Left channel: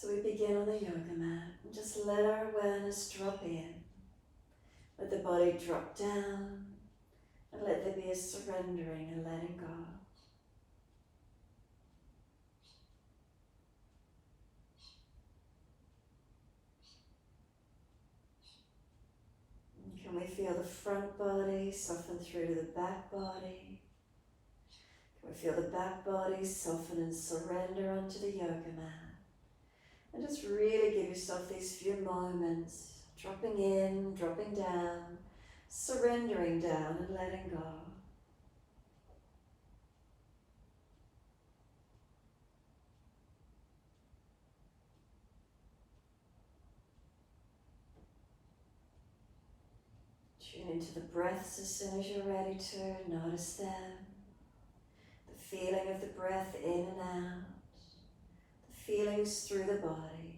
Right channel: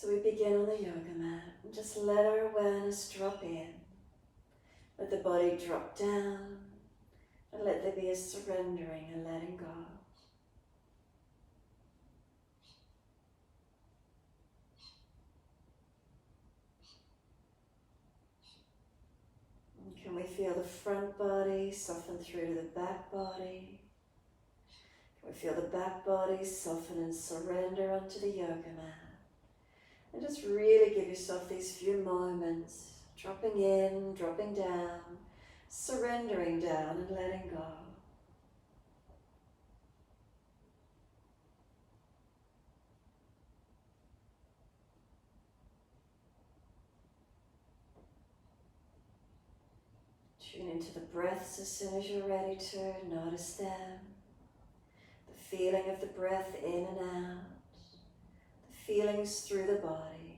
So we begin on the yoga mat and just let our awareness drop in. Let the body drop down and let there be a surrendering and letting go. And can we feel the front body soften through to the back body? Can we feel the back body soften and surrender onto the yoga mat? And just really give yourself these few moments, dropping in, dropping down, surrendering down and letting go. Tune into the breaths as soon as you're ready to. Notice them. The feeling of the breath in and out. The feelings through the body.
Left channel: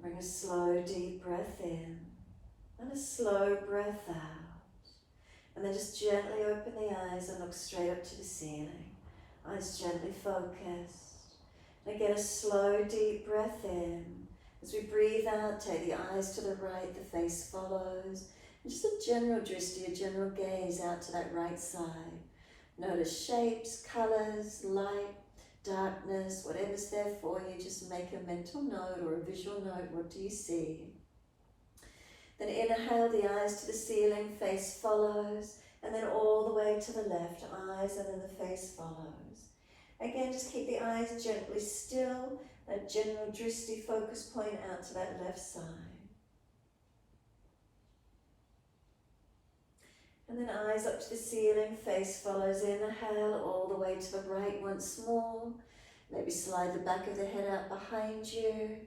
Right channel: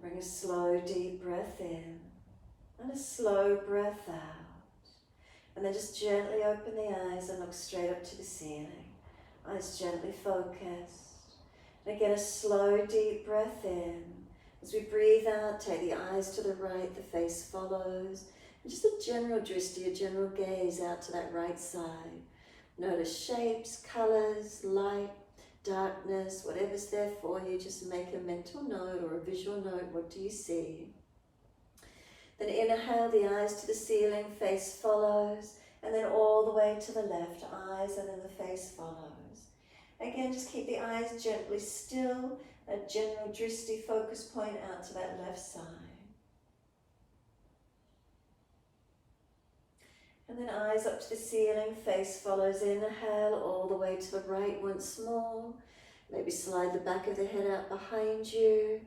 Bring a slow, deep breath in and a slow breath out. And then just gently open the eyes and look straight up to the ceiling. Eyes gently focused. And again, a slow, deep breath in. As we breathe out, take the eyes to the right, the face follows. And just a general drishti, a general gaze out to that right side. Notice shapes, colors, light, darkness, whatever's there for you, just make a mental note or a visual note. What do you see? Then inhale, the eyes to the ceiling, face follows, and then all the way to the left, eyes, and then the face follows. Again, just keep the eyes gently still, a general drishti focus point out to that left side. And then eyes up to the ceiling, face follows, inhale all the way to the right once more. Maybe slide the back of the head out behind you.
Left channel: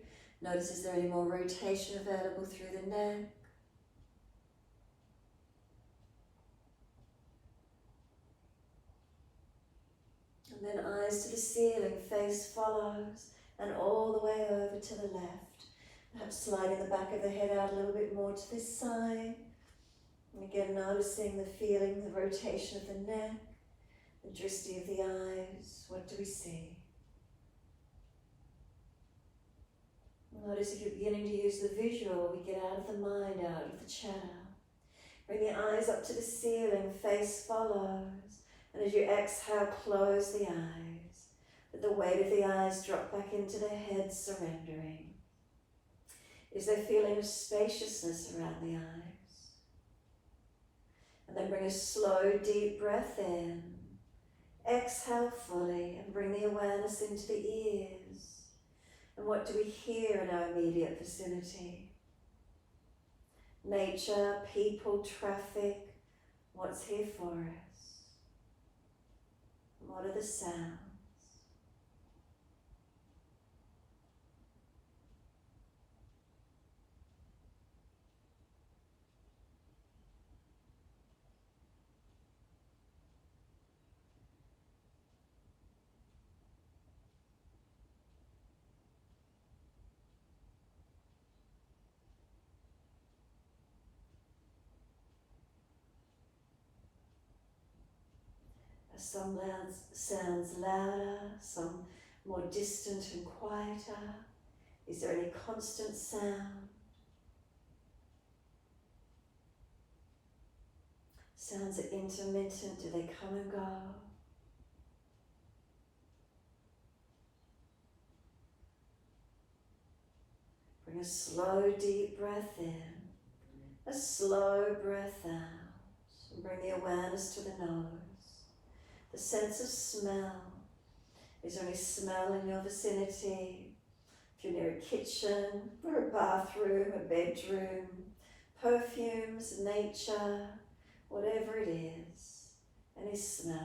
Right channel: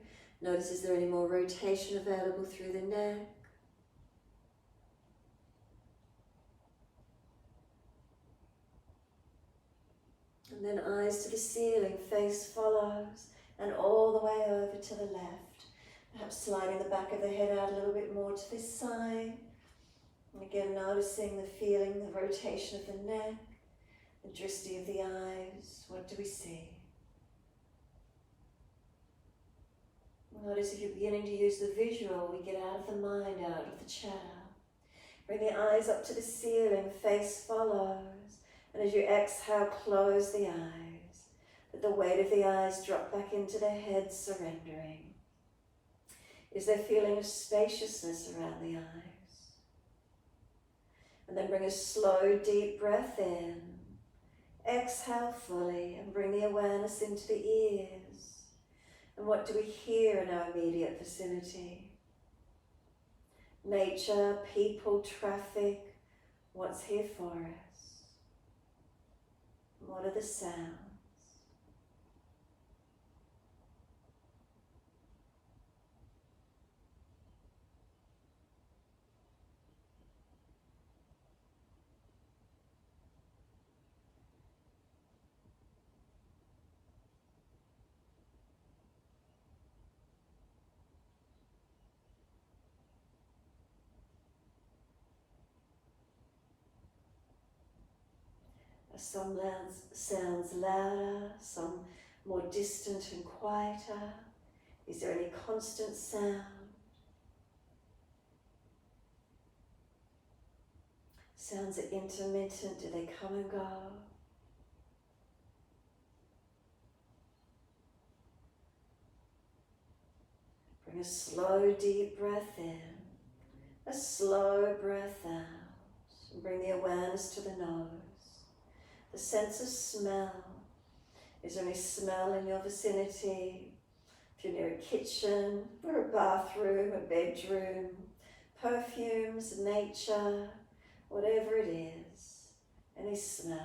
Notice, is there any more rotation available through the neck? And then eyes to the ceiling, face follows, and all the way over to the left. Perhaps sliding the back of the head out a little bit more to this side. And again, noticing the feeling, the rotation of the neck, the drishti of the eyes. What do we see? Notice if you're beginning to use the visual, we get out of the mind, out of the chatter. Bring the eyes up to the ceiling, face follows. And as you exhale, close the eyes. Let the weight of the eyes drop back into the head, surrendering. Is there a feeling of spaciousness around the eyes? And then bring a slow, deep breath in. Exhale fully and bring the awareness into the ears. And what do we hear in our immediate vicinity? Nature, people, traffic. What's here for us? What are the sounds? Some sounds louder, some more distant and quieter. Is there any constant sound? Sounds are intermittent, do they come and go? Bring a slow, deep breath in, a slow breath out, and bring the awareness to the nose. The sense of smell. Is there any smell in your vicinity? If you're near a kitchen or a bathroom, a bedroom, perfumes, nature, whatever it is, any smells.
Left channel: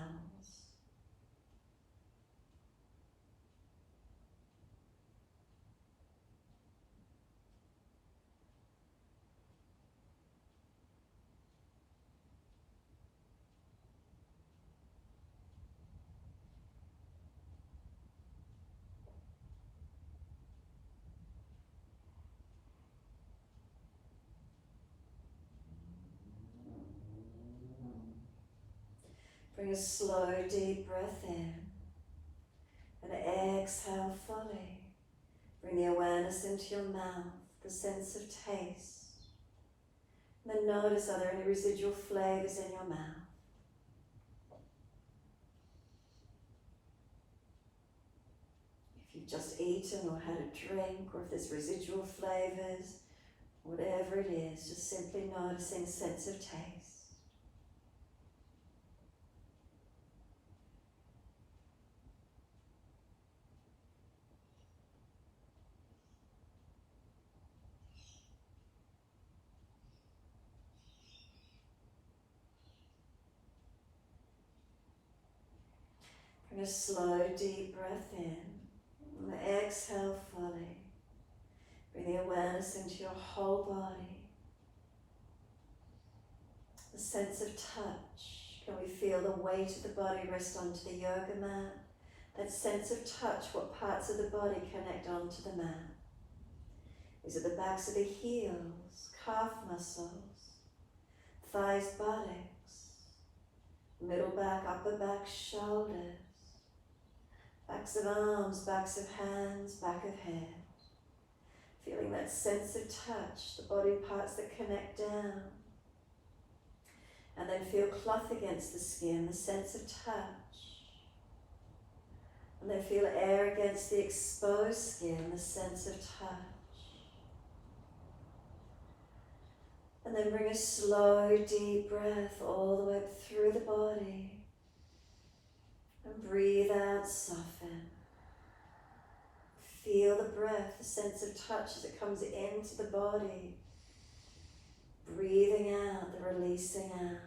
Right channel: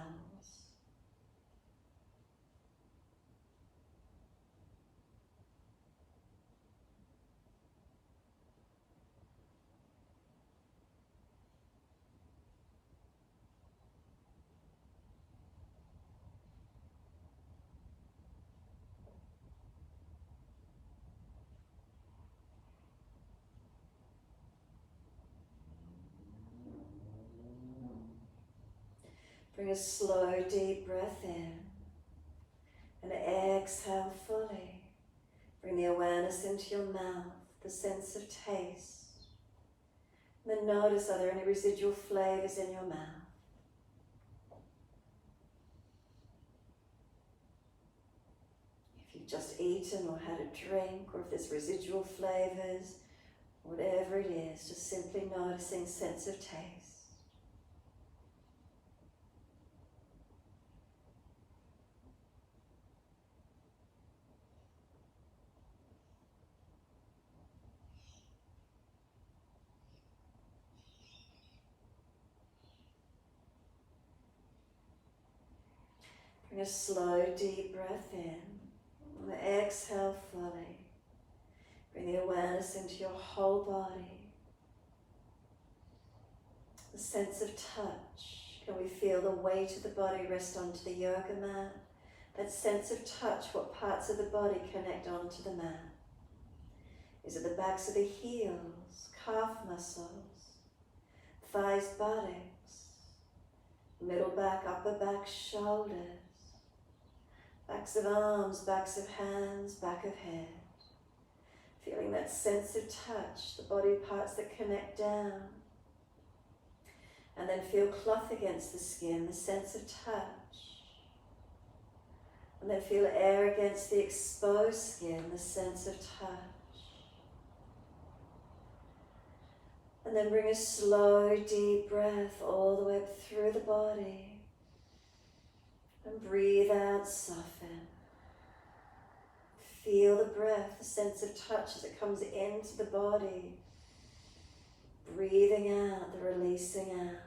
Bring a slow, deep breath in and exhale fully. Bring the awareness into your mouth, the sense of taste. And then notice, are there any residual flavors in your mouth? If you've just eaten or had a drink, or if there's residual flavors, whatever it is, just simply noticing sense of taste. Bring a slow, deep breath in and exhale fully. Bring the awareness into your whole body. The sense of touch. Can we feel the weight of the body rest onto the yoga mat? That sense of touch, what parts of the body connect onto the mat? Is it the backs of the heels, calf muscles, thighs, buttocks, middle back, upper back, shoulders, backs of arms, backs of hands, back of head. Feeling that sense of touch, the body parts that connect down. And then feel cloth against the skin, the sense of touch. And then feel air against the exposed skin, the sense of touch. And then bring a slow, deep breath all the way up through the body. And breathe out, soften. Feel the breath, the sense of touch as it comes into the body. Breathing out, the releasing out.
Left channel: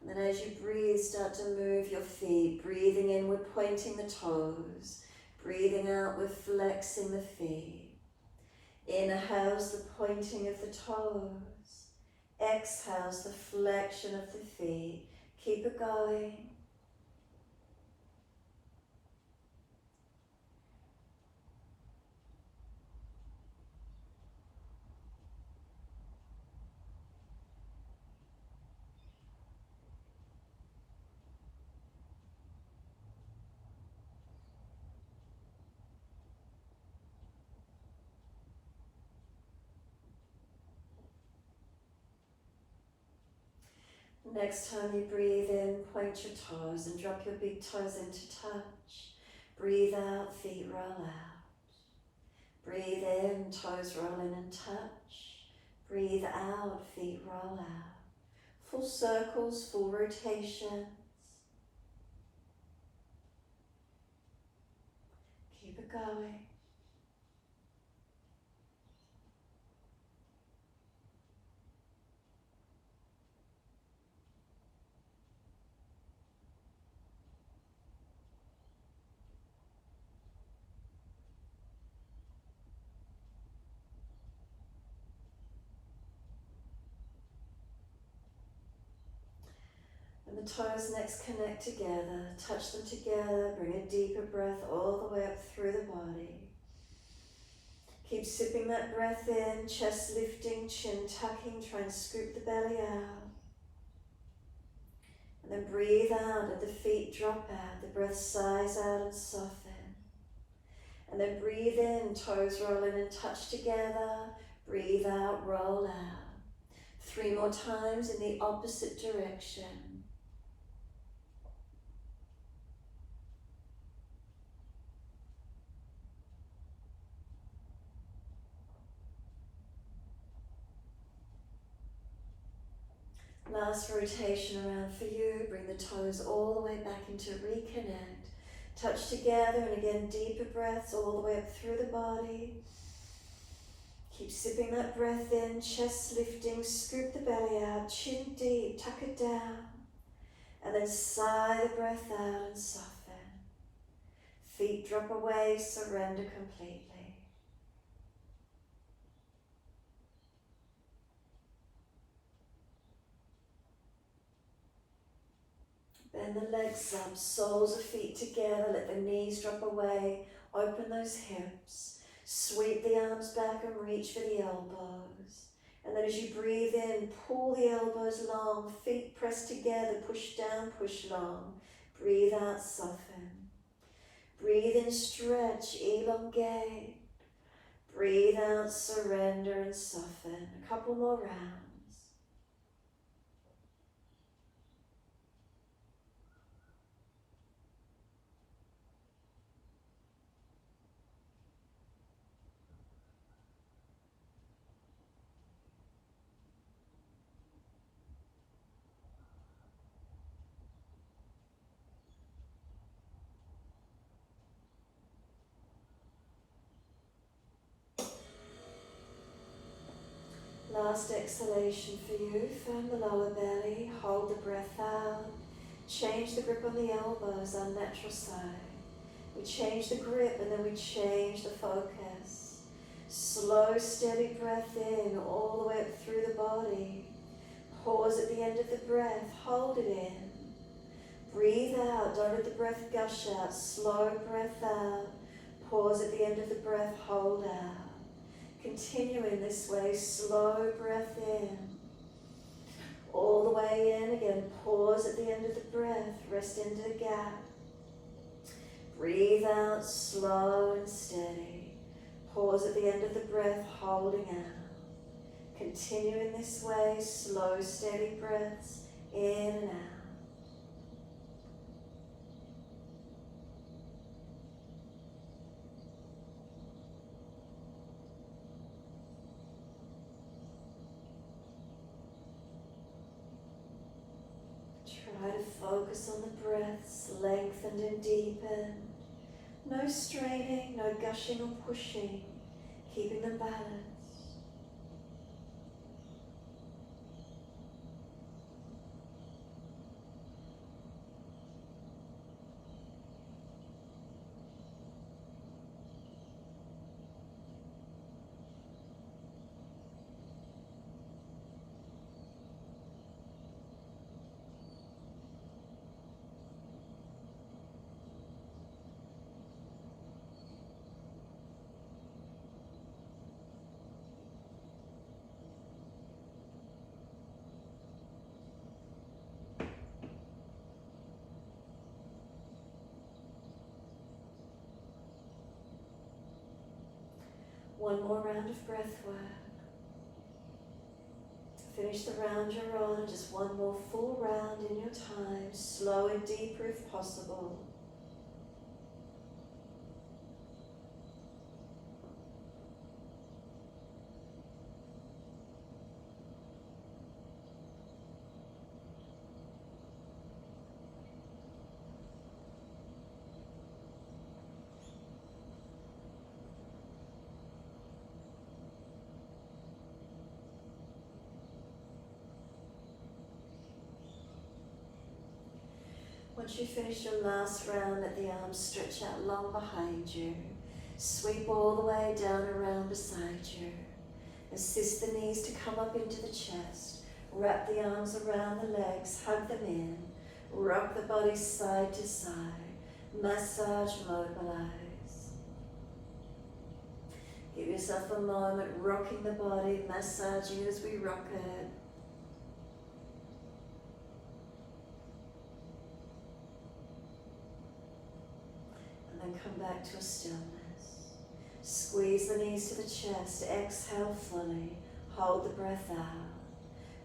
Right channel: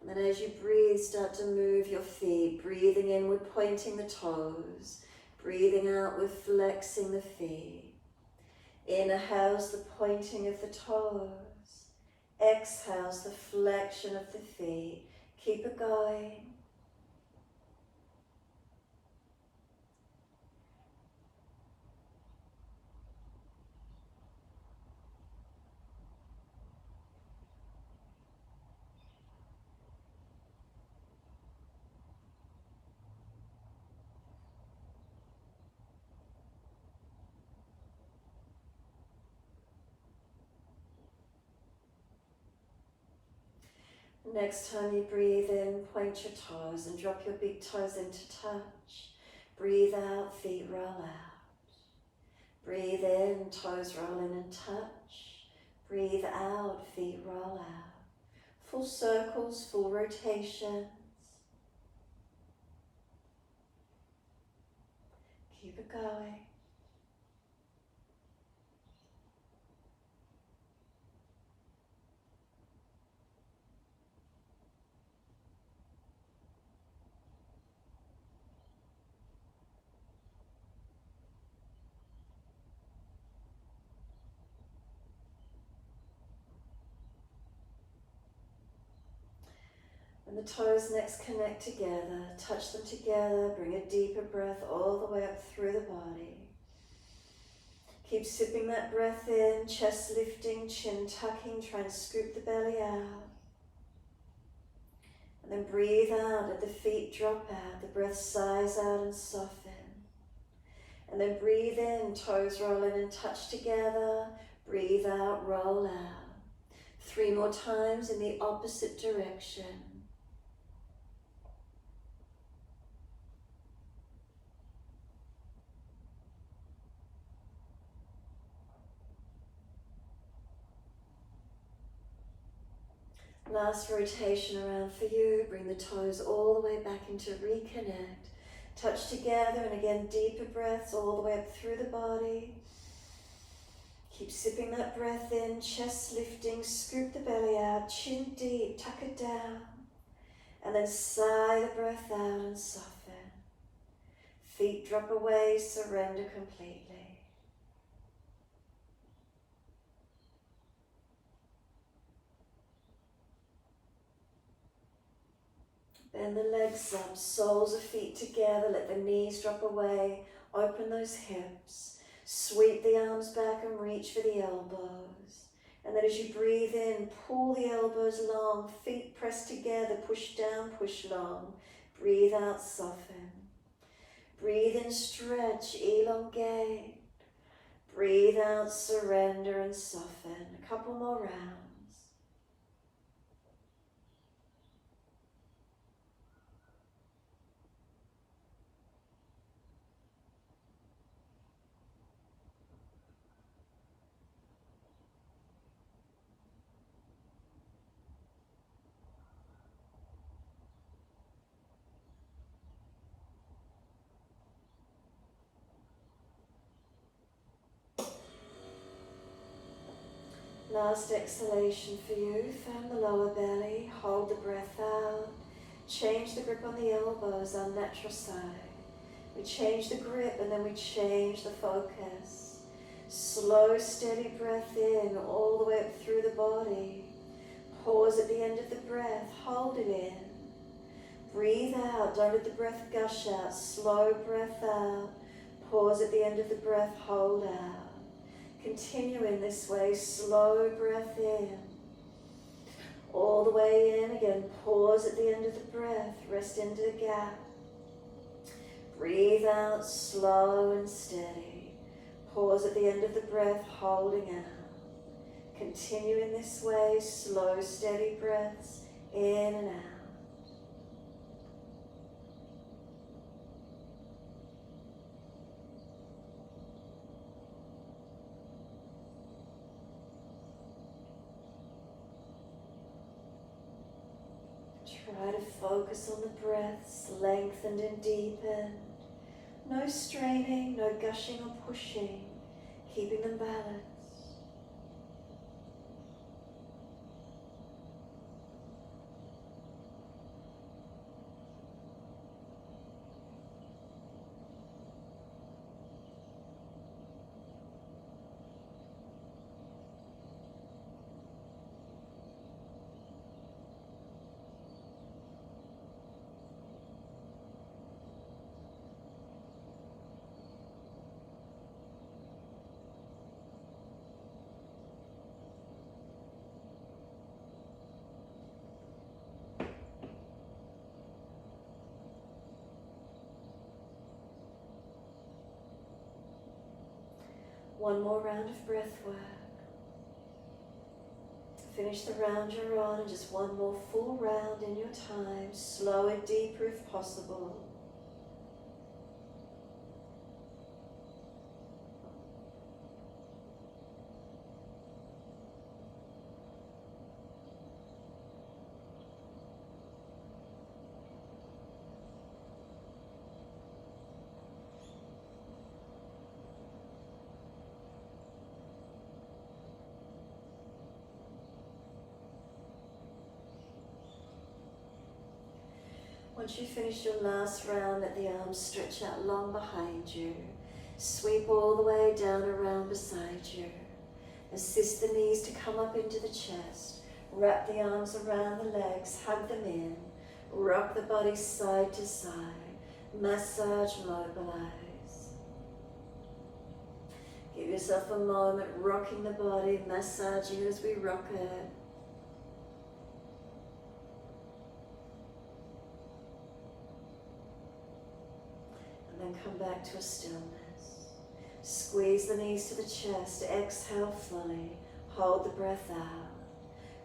And then as you breathe, start to move your feet. Breathing inward, pointing the toes. Breathing outward, flexing the feet. Inhales the pointing of the toes. Exhales the flexion of the feet. Keep it going. Next time you breathe in, point your toes and drop your big toes into touch. Breathe out, feet roll out. Breathe in, toes roll in and touch. Breathe out, feet roll out. Full circles, full rotations. Keep it going. When the toes next connect together, touch them together, bring a deeper breath all the way up through the body. Keep sipping that breath in, chest lifting, chin tucking, try and scoop the belly out. And then breathe out, let the feet drop out, the breath sighs out and soften. And then breathe in, toes roll in and touch together, breathe out, roll out. 3 more times in the opposite direction. Last rotation around for you. Bring the toes all the way back into reconnect. Touch together and again deeper breaths all the way up through the body. Keep sipping that breath in, chest lifting, scoop the belly out, chin deep, tuck it down. And then sigh the breath out and soften. Feet drop away, surrender completely. Bend the legs up, soles of feet together, let the knees drop away, open those hips. Sweep the arms back and reach for the elbows. And then as you breathe in, pull the elbows long, feet pressed together, push down, push long. Breathe out, soften. Breathe in, stretch, elongate. Breathe out, surrender and soften. A couple more rounds. Last exhalation for you. Firm the lower belly, hold the breath out. Change the grip on the elbows, our natural side. We change the grip and then we change the focus. Slow, steady breath in, all the way up through the body. Pause at the end of the breath, hold it in. Breathe out, don't let the breath gush out. Slow breath out, pause at the end of the breath, hold out. Continue in this way, slow breath in. All the way in again, pause at the end of the breath, rest into the gap. Breathe out, slow and steady. Pause at the end of the breath, holding out. Continue in this way, slow, steady breaths, in and out. Try to focus on the breaths, lengthened and deepened. No straining, no gushing or pushing, keeping them balanced. One more round of breath work. Finish the round you're on, and just one more full round in your time. Slow and deeper if possible. Once you finish your last round, let the arms stretch out long behind you. Sweep all the way down around beside you. Assist the knees to come up into the chest. Wrap the arms around the legs, hug them in. Rock the body side to side. Massage, mobilize. Give yourself a moment rocking the body, massaging as we rock it. And come back to a stillness. Squeeze the knees to the chest, exhale fully, hold the breath out.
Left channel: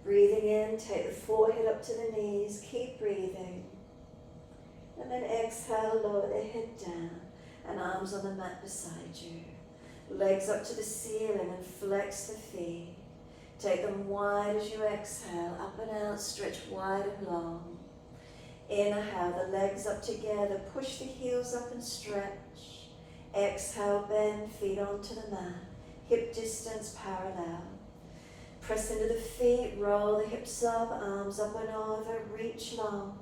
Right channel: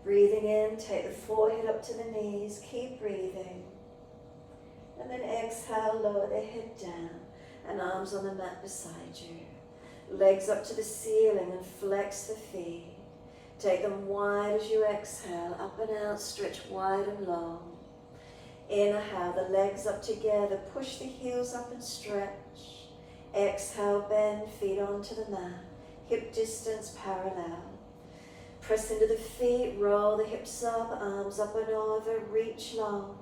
Breathing in, take the forehead up to the knees, keep breathing. And then exhale, lower the head down, and arms on the mat beside you. Legs up to the ceiling and flex the feet. Take them wide as you exhale, up and out, stretch wide and long. Inhale, the legs up together, push the heels up and stretch. Exhale, bend, feet onto the mat. hip distance parallel. Press into the feet, roll the hips up, arms up and over, reach long.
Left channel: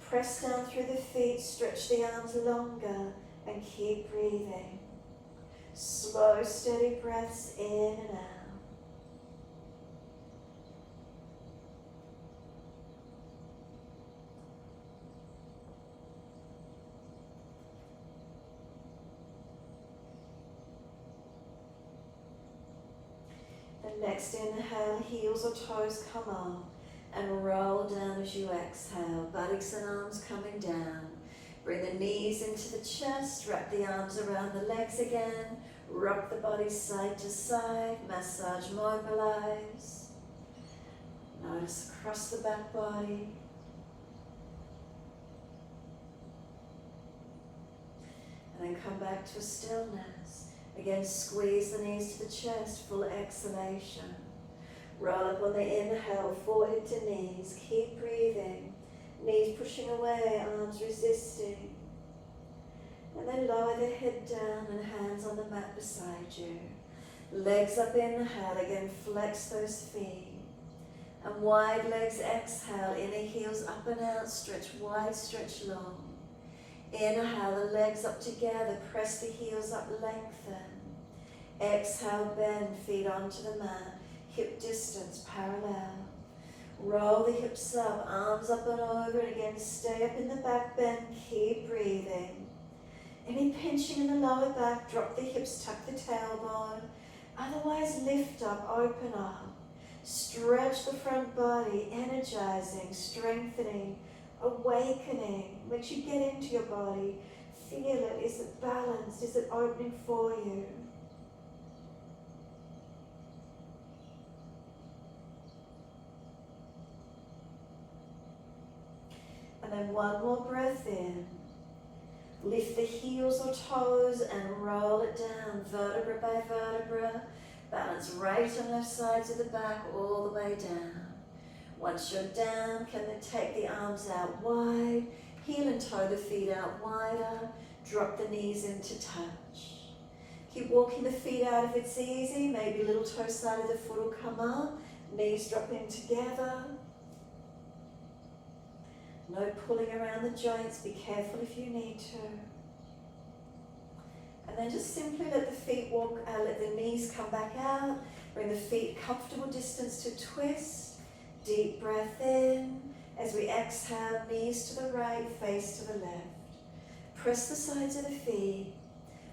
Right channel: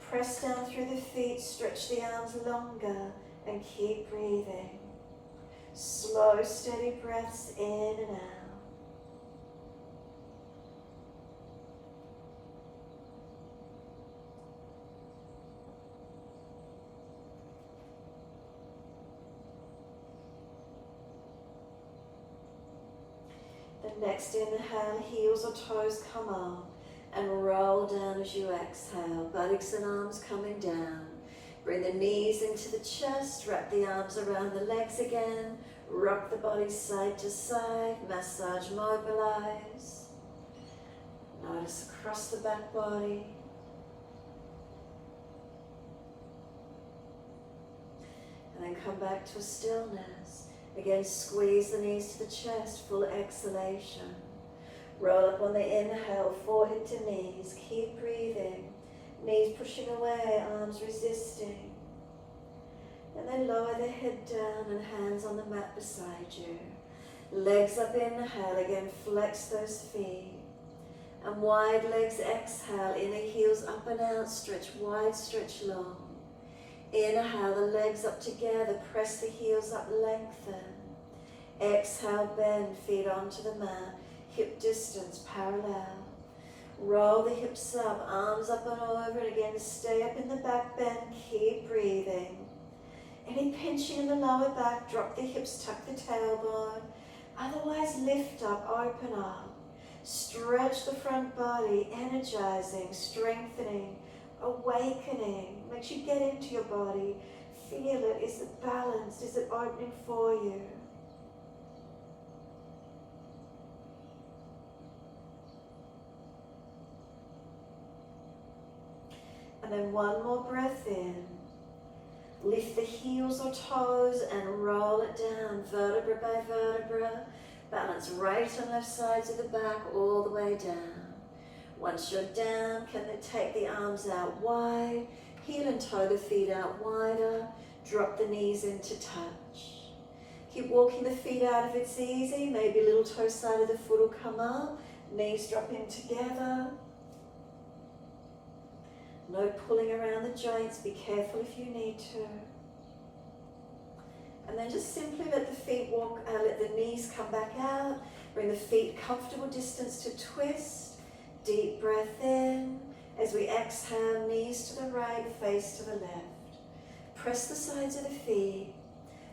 Press down through the feet, stretch the arms longer and keep breathing. Slow, steady breaths in and out. The next inhale, heels or toes come up and roll down as you exhale. Buttocks and arms coming down. Bring the knees into the chest, wrap the arms around the legs again. Rock the body side to side, massage Mobilise. Notice across the back body. And then come back to a stillness. Again, squeeze the knees to the chest, full exhalation. Roll up on the inhale, forehead to knees. Keep breathing. Knees pushing away, arms resisting. And then lower the head down and hands on the mat beside you. Legs up, inhale, again flex those feet. And wide legs, exhale, inner heels up and out, stretch wide, stretch long. Inhale, the legs up together, press the heels up, lengthen. Exhale, bend, feet onto the mat, hip distance parallel. Roll the hips up, arms up and over, and again stay up in the back bend, keep breathing. Any pinching in the lower back, drop the hips, tuck the tailbone. Otherwise, lift up, open up. Stretch the front body, energizing, strengthening, awakening. Makes you get into your body. Feel it. Is it balanced? Is it opening for you? And then one more breath in. Lift the heels or toes and roll it down, vertebra by vertebra. Balance right and left sides of the back all the way down. Once you're down, can then take the arms out wide, heel and toe the feet out wider, drop the knees into touch. Keep walking the feet out if it's easy, maybe little toe side of the foot will come up, knees drop in together. No pulling around the joints, be careful if you need to. And then just simply let the feet walk, let the knees come back out. Bring the feet comfortable distance to twist. Deep breath in. As we exhale, knees to the right, face to the left. Press the sides of the feet.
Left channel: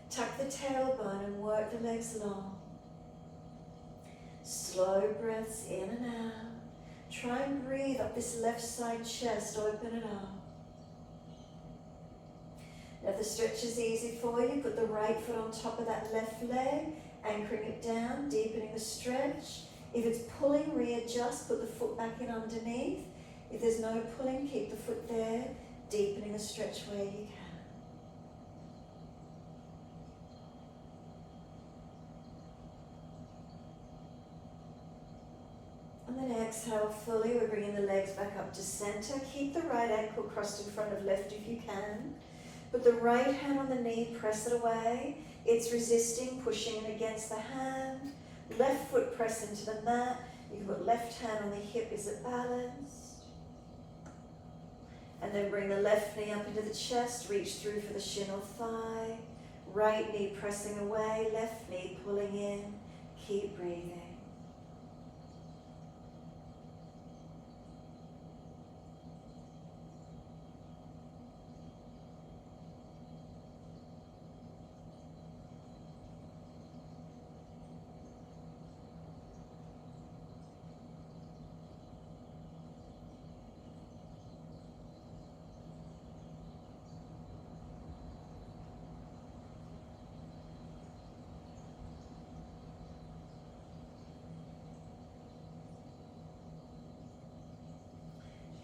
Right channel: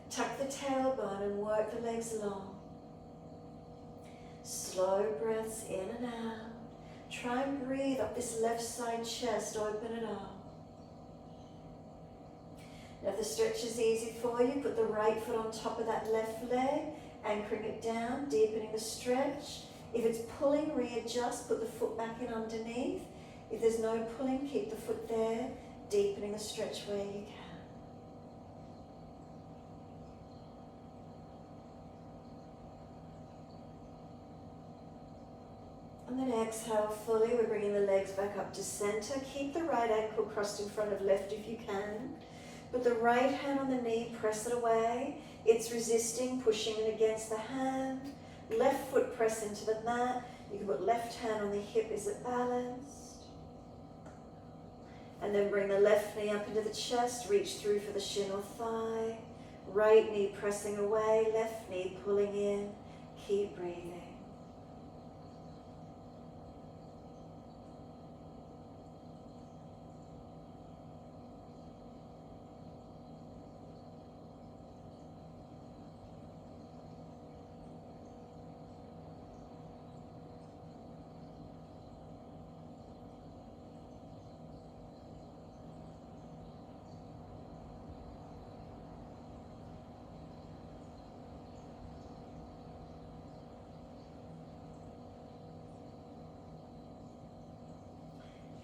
Tuck the tailbone and work the legs long. Slow breaths in and out. Try and breathe up this left side chest, open it up. Now if the stretch is easy for you, put the right foot on top of that left leg, anchoring it down, deepening the stretch. If it's pulling, readjust, put the foot back in underneath. If there's no pulling, keep the foot there, deepening the stretch where you can. And then exhale fully, we're bringing the legs back up to center. Keep the right ankle crossed in front of left if you can. Put the right hand on the knee, press it away. It's resisting, pushing it against the hand. Left foot press into the mat. You can put left hand on the hip, is it balanced? And then bring the left knee up into the chest, reach through for the shin or thigh. Right knee pressing away, left knee pulling in. Keep breathing.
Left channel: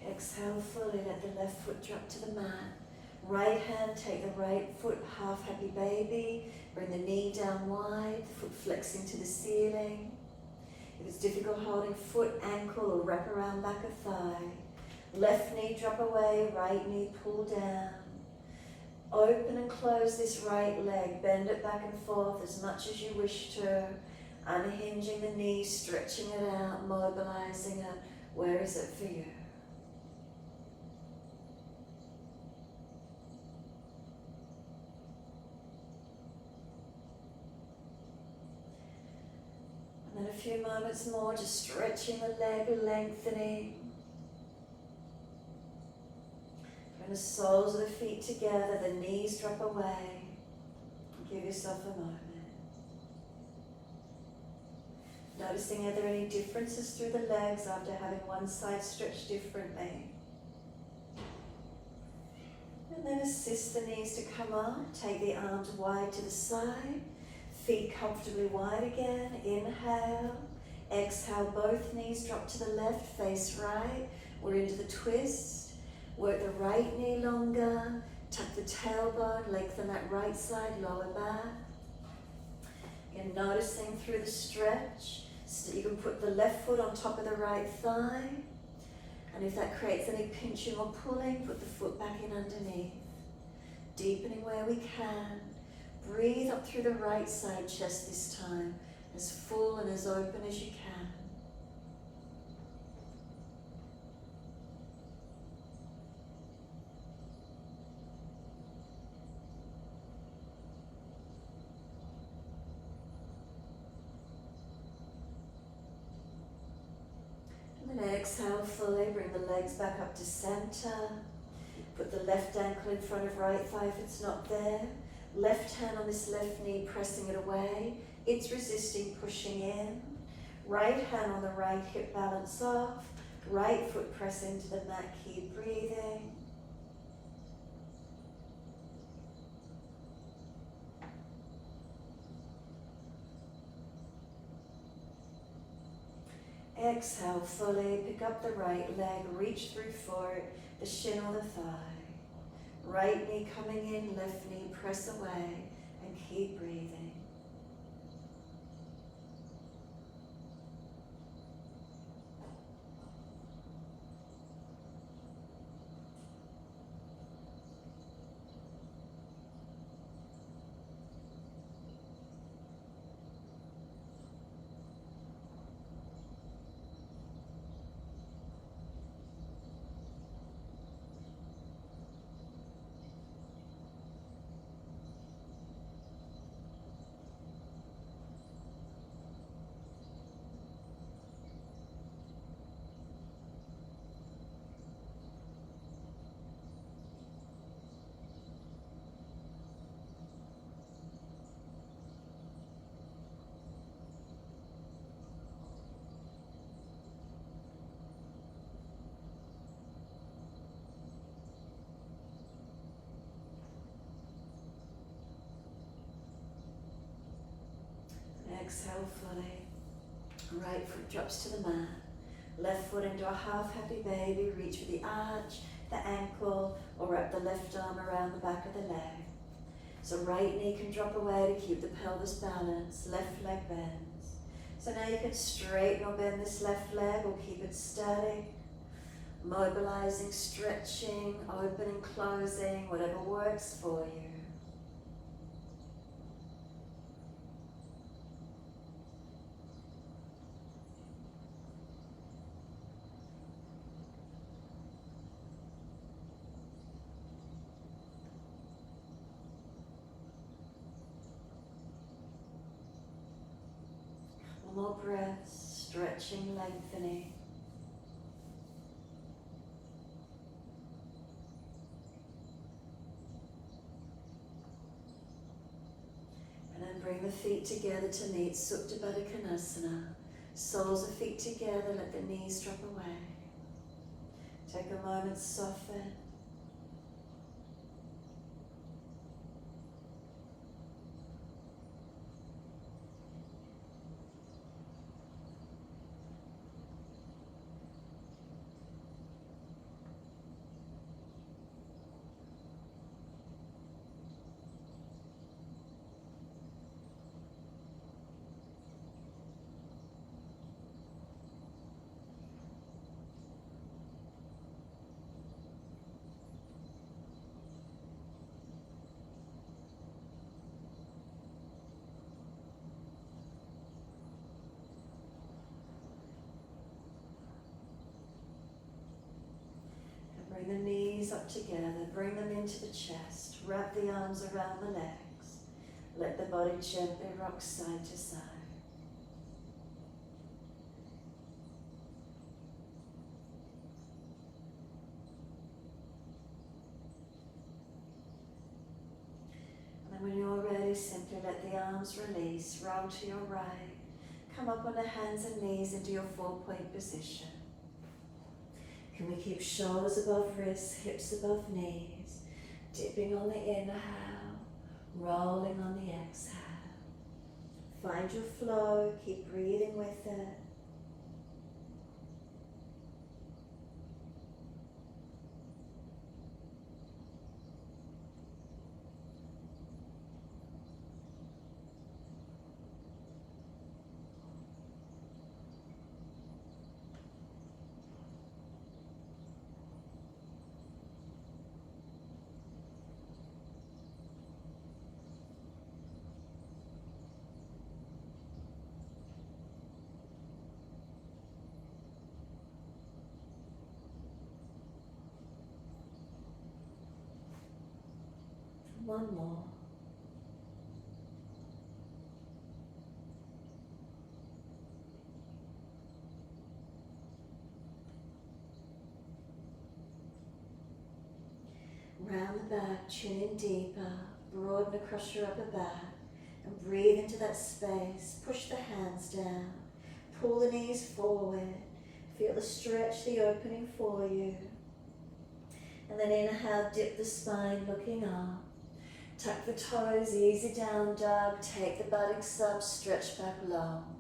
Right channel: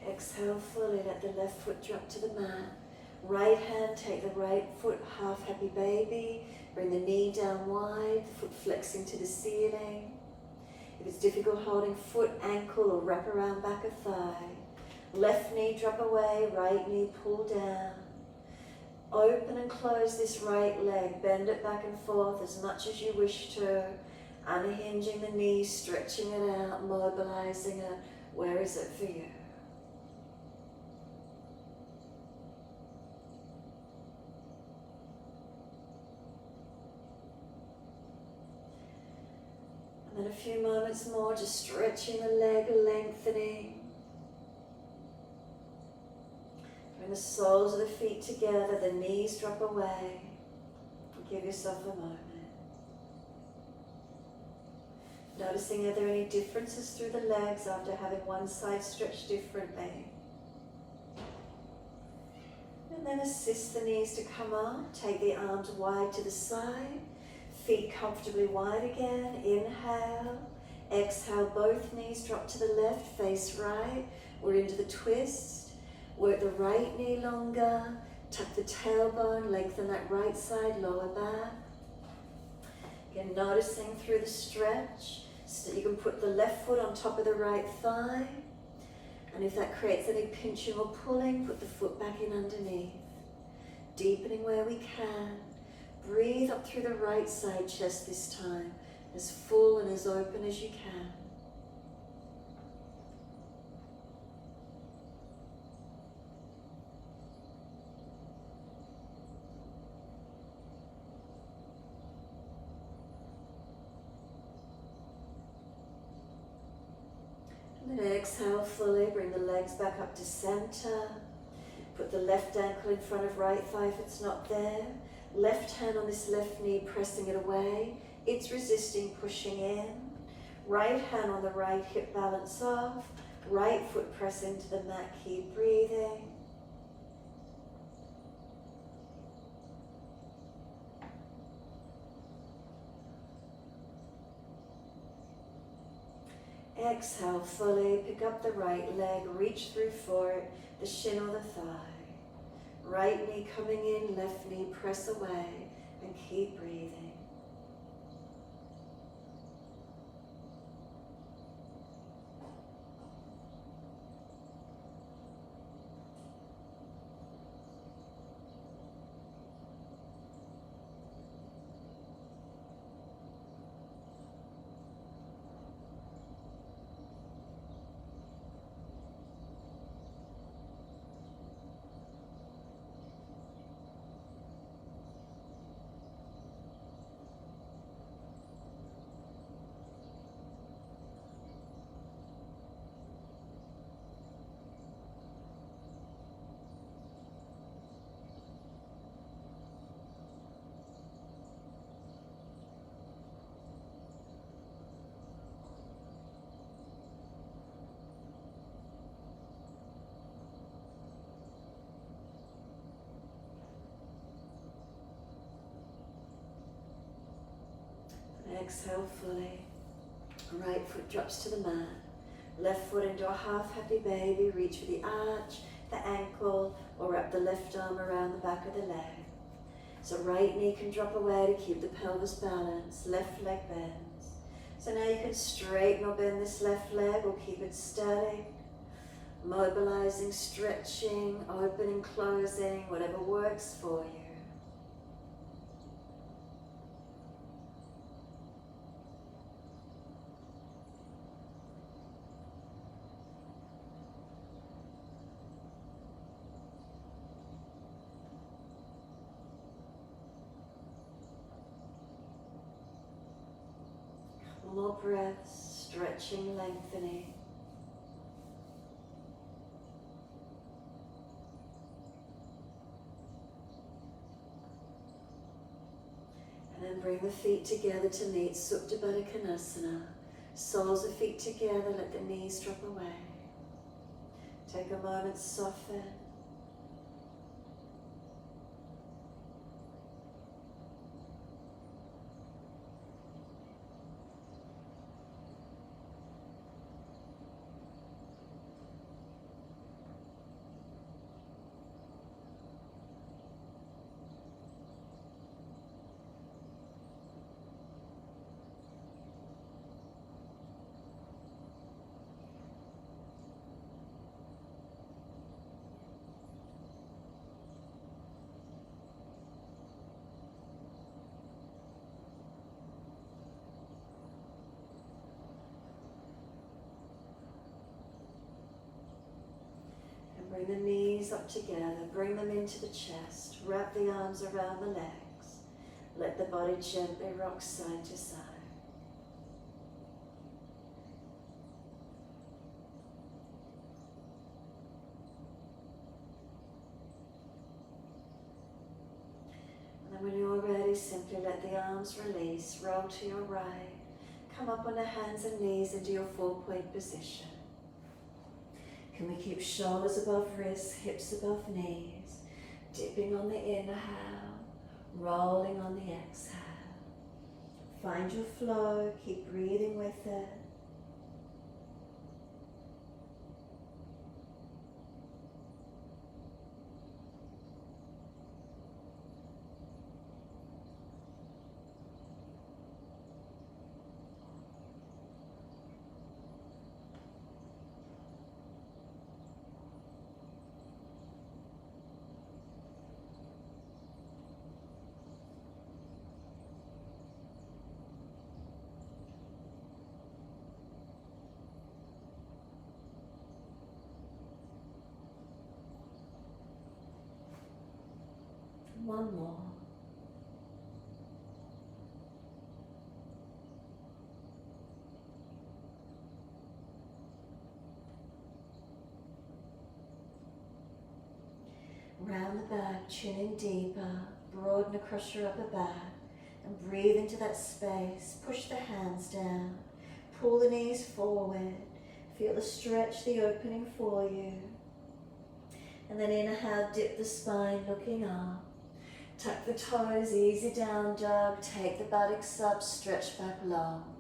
Exhale fully, let the left foot drop to the mat. Right hand, take the right foot, half happy baby. Bring the knee down wide, the foot flexing to the ceiling. If it's difficult holding foot, ankle, or wrap around back of thigh. Left knee drop away, right knee pull down. Open and close this right leg, bend it back and forth as much as you wish to. Unhinging the knees, stretching it out, mobilizing it. Where is it for you? And then a few moments more, just stretching the leg, lengthening. Bring the soles of the feet together, the knees drop away. Give yourself a moment. Noticing, are there any differences through the legs after having one side stretched differently? And then assist the knees to come up. Take the arms wide to the side. Feet comfortably wide again. Inhale. Exhale, both knees drop to the left, face right. We're into the twist. Work the right knee longer. Tuck the tailbone, lengthen that right side, lower back. Again, noticing through the stretch. So you can put the left foot on top of the right thigh. And if that creates any pinching or pulling, put the foot back in underneath. Deepening where we can. Breathe up through the right side chest this time, as full and as open as you can. And then exhale fully, bring the legs back up to center. Put the left ankle in front of right thigh if it's not there. Left hand on this left knee, pressing it away. It's resisting, pushing in. Right hand on the right hip, balance off. Right foot press into the mat, keep breathing. Exhale fully, pick up the right leg, reach through for it, the shin or the thigh. Right knee coming in, left knee press away, and keep breathing. Exhale fully. Right foot drops to the mat. Left foot into a half happy baby. Reach for the arch, the ankle, or wrap the left arm around the back of the leg. So right knee can drop away to keep the pelvis balanced. Left leg bends. So now you can straighten or bend this left leg or keep it static. Mobilizing, stretching, opening, closing, whatever works for you. More breaths, stretching, lengthening. And then bring the feet together to meet Supta Baddha Konasana. Soles of feet together, let the knees drop away. Take a moment, soften. Bring the knees up together, bring them into the chest, wrap the arms around the legs. Let the body gently rock side to side. And then when you're ready, simply let the arms release, roll to your right. Come up on the hands and knees into your 4-point position. Can we keep shoulders above wrists, hips above knees, dipping on the inhale, rolling on the exhale. Find your flow, keep breathing with it. One more. Round the back, chin in deeper, broaden across your upper back, and breathe into that space. Push the hands down, pull the knees forward, feel the stretch, the opening for you. And then inhale, dip the spine, looking up. Tuck the toes, easy down dog, take the buttocks up, stretch back long.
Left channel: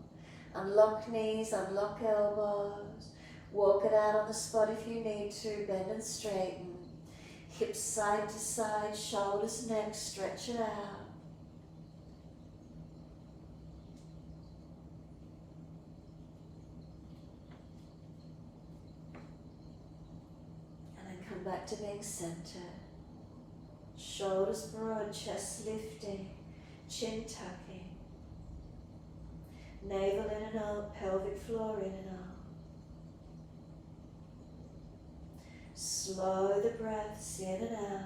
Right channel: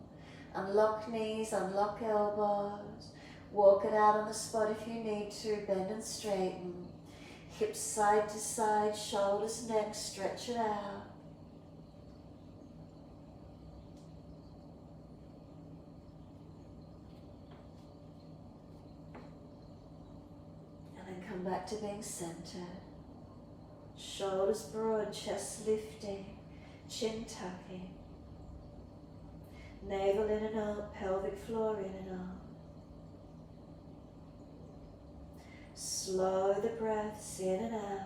Unlock knees, unlock elbows, walk it out on the spot if you need to, bend and straighten. Hips side to side, shoulders, neck, stretch it out. And then come back to being centered. Shoulders broad, chest lifting, chin tucking. Navel in and out, pelvic floor in and out. Slow the breaths in and out.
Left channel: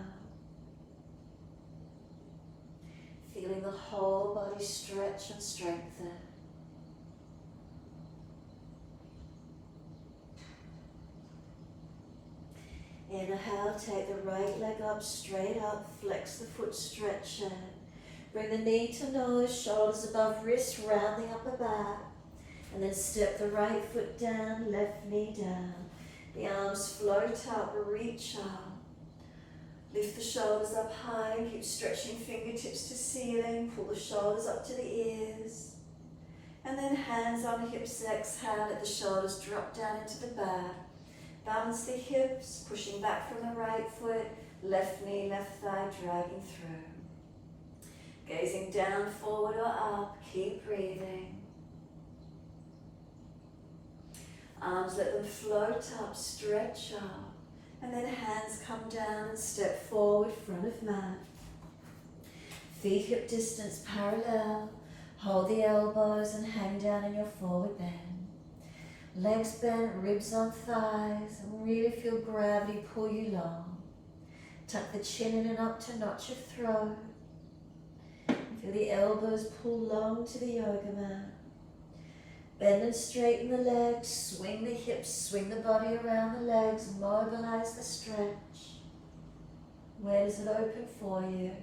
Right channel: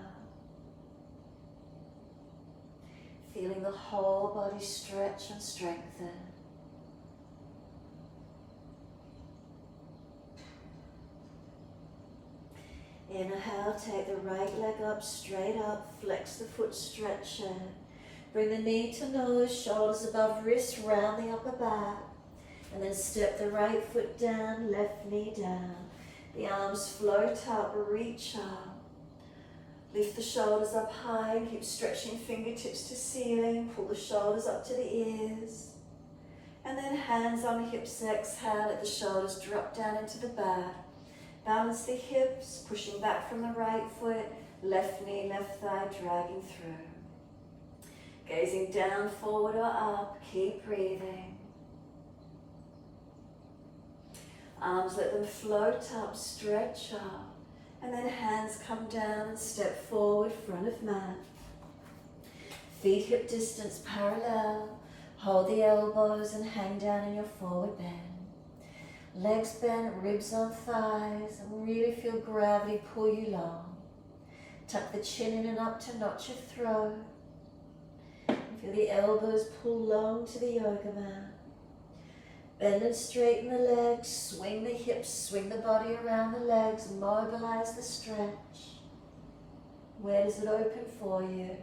Feeling the whole body stretch and strengthen. Inhale, take the right leg up, straight up, flex the foot, stretch it. Bring the knee to nose, shoulders above wrist, round the upper back. And then step the right foot down, left knee down. The arms float up, reach up. Lift the shoulders up high and keep stretching fingertips to ceiling. Pull the shoulders up to the ears. And then hands on hips, exhale, let the shoulders drop down into the back. Balance the hips, pushing back from the right foot, left knee, left thigh, dragging through. Gazing down, forward or up, keep breathing. Arms, let them float up, stretch up, and then hands come down and step forward, front of mat. Feet hip distance parallel, hold the elbows and hang down in your forward bend. Legs bent, ribs on thighs, and really feel gravity pull you long. Tuck the chin in and up to notch your throat. Feel the elbows pull long to the yoga mat. Bend and straighten the legs, swing the hips, swing the body around the legs, mobilize the stretch. Where does it open for you?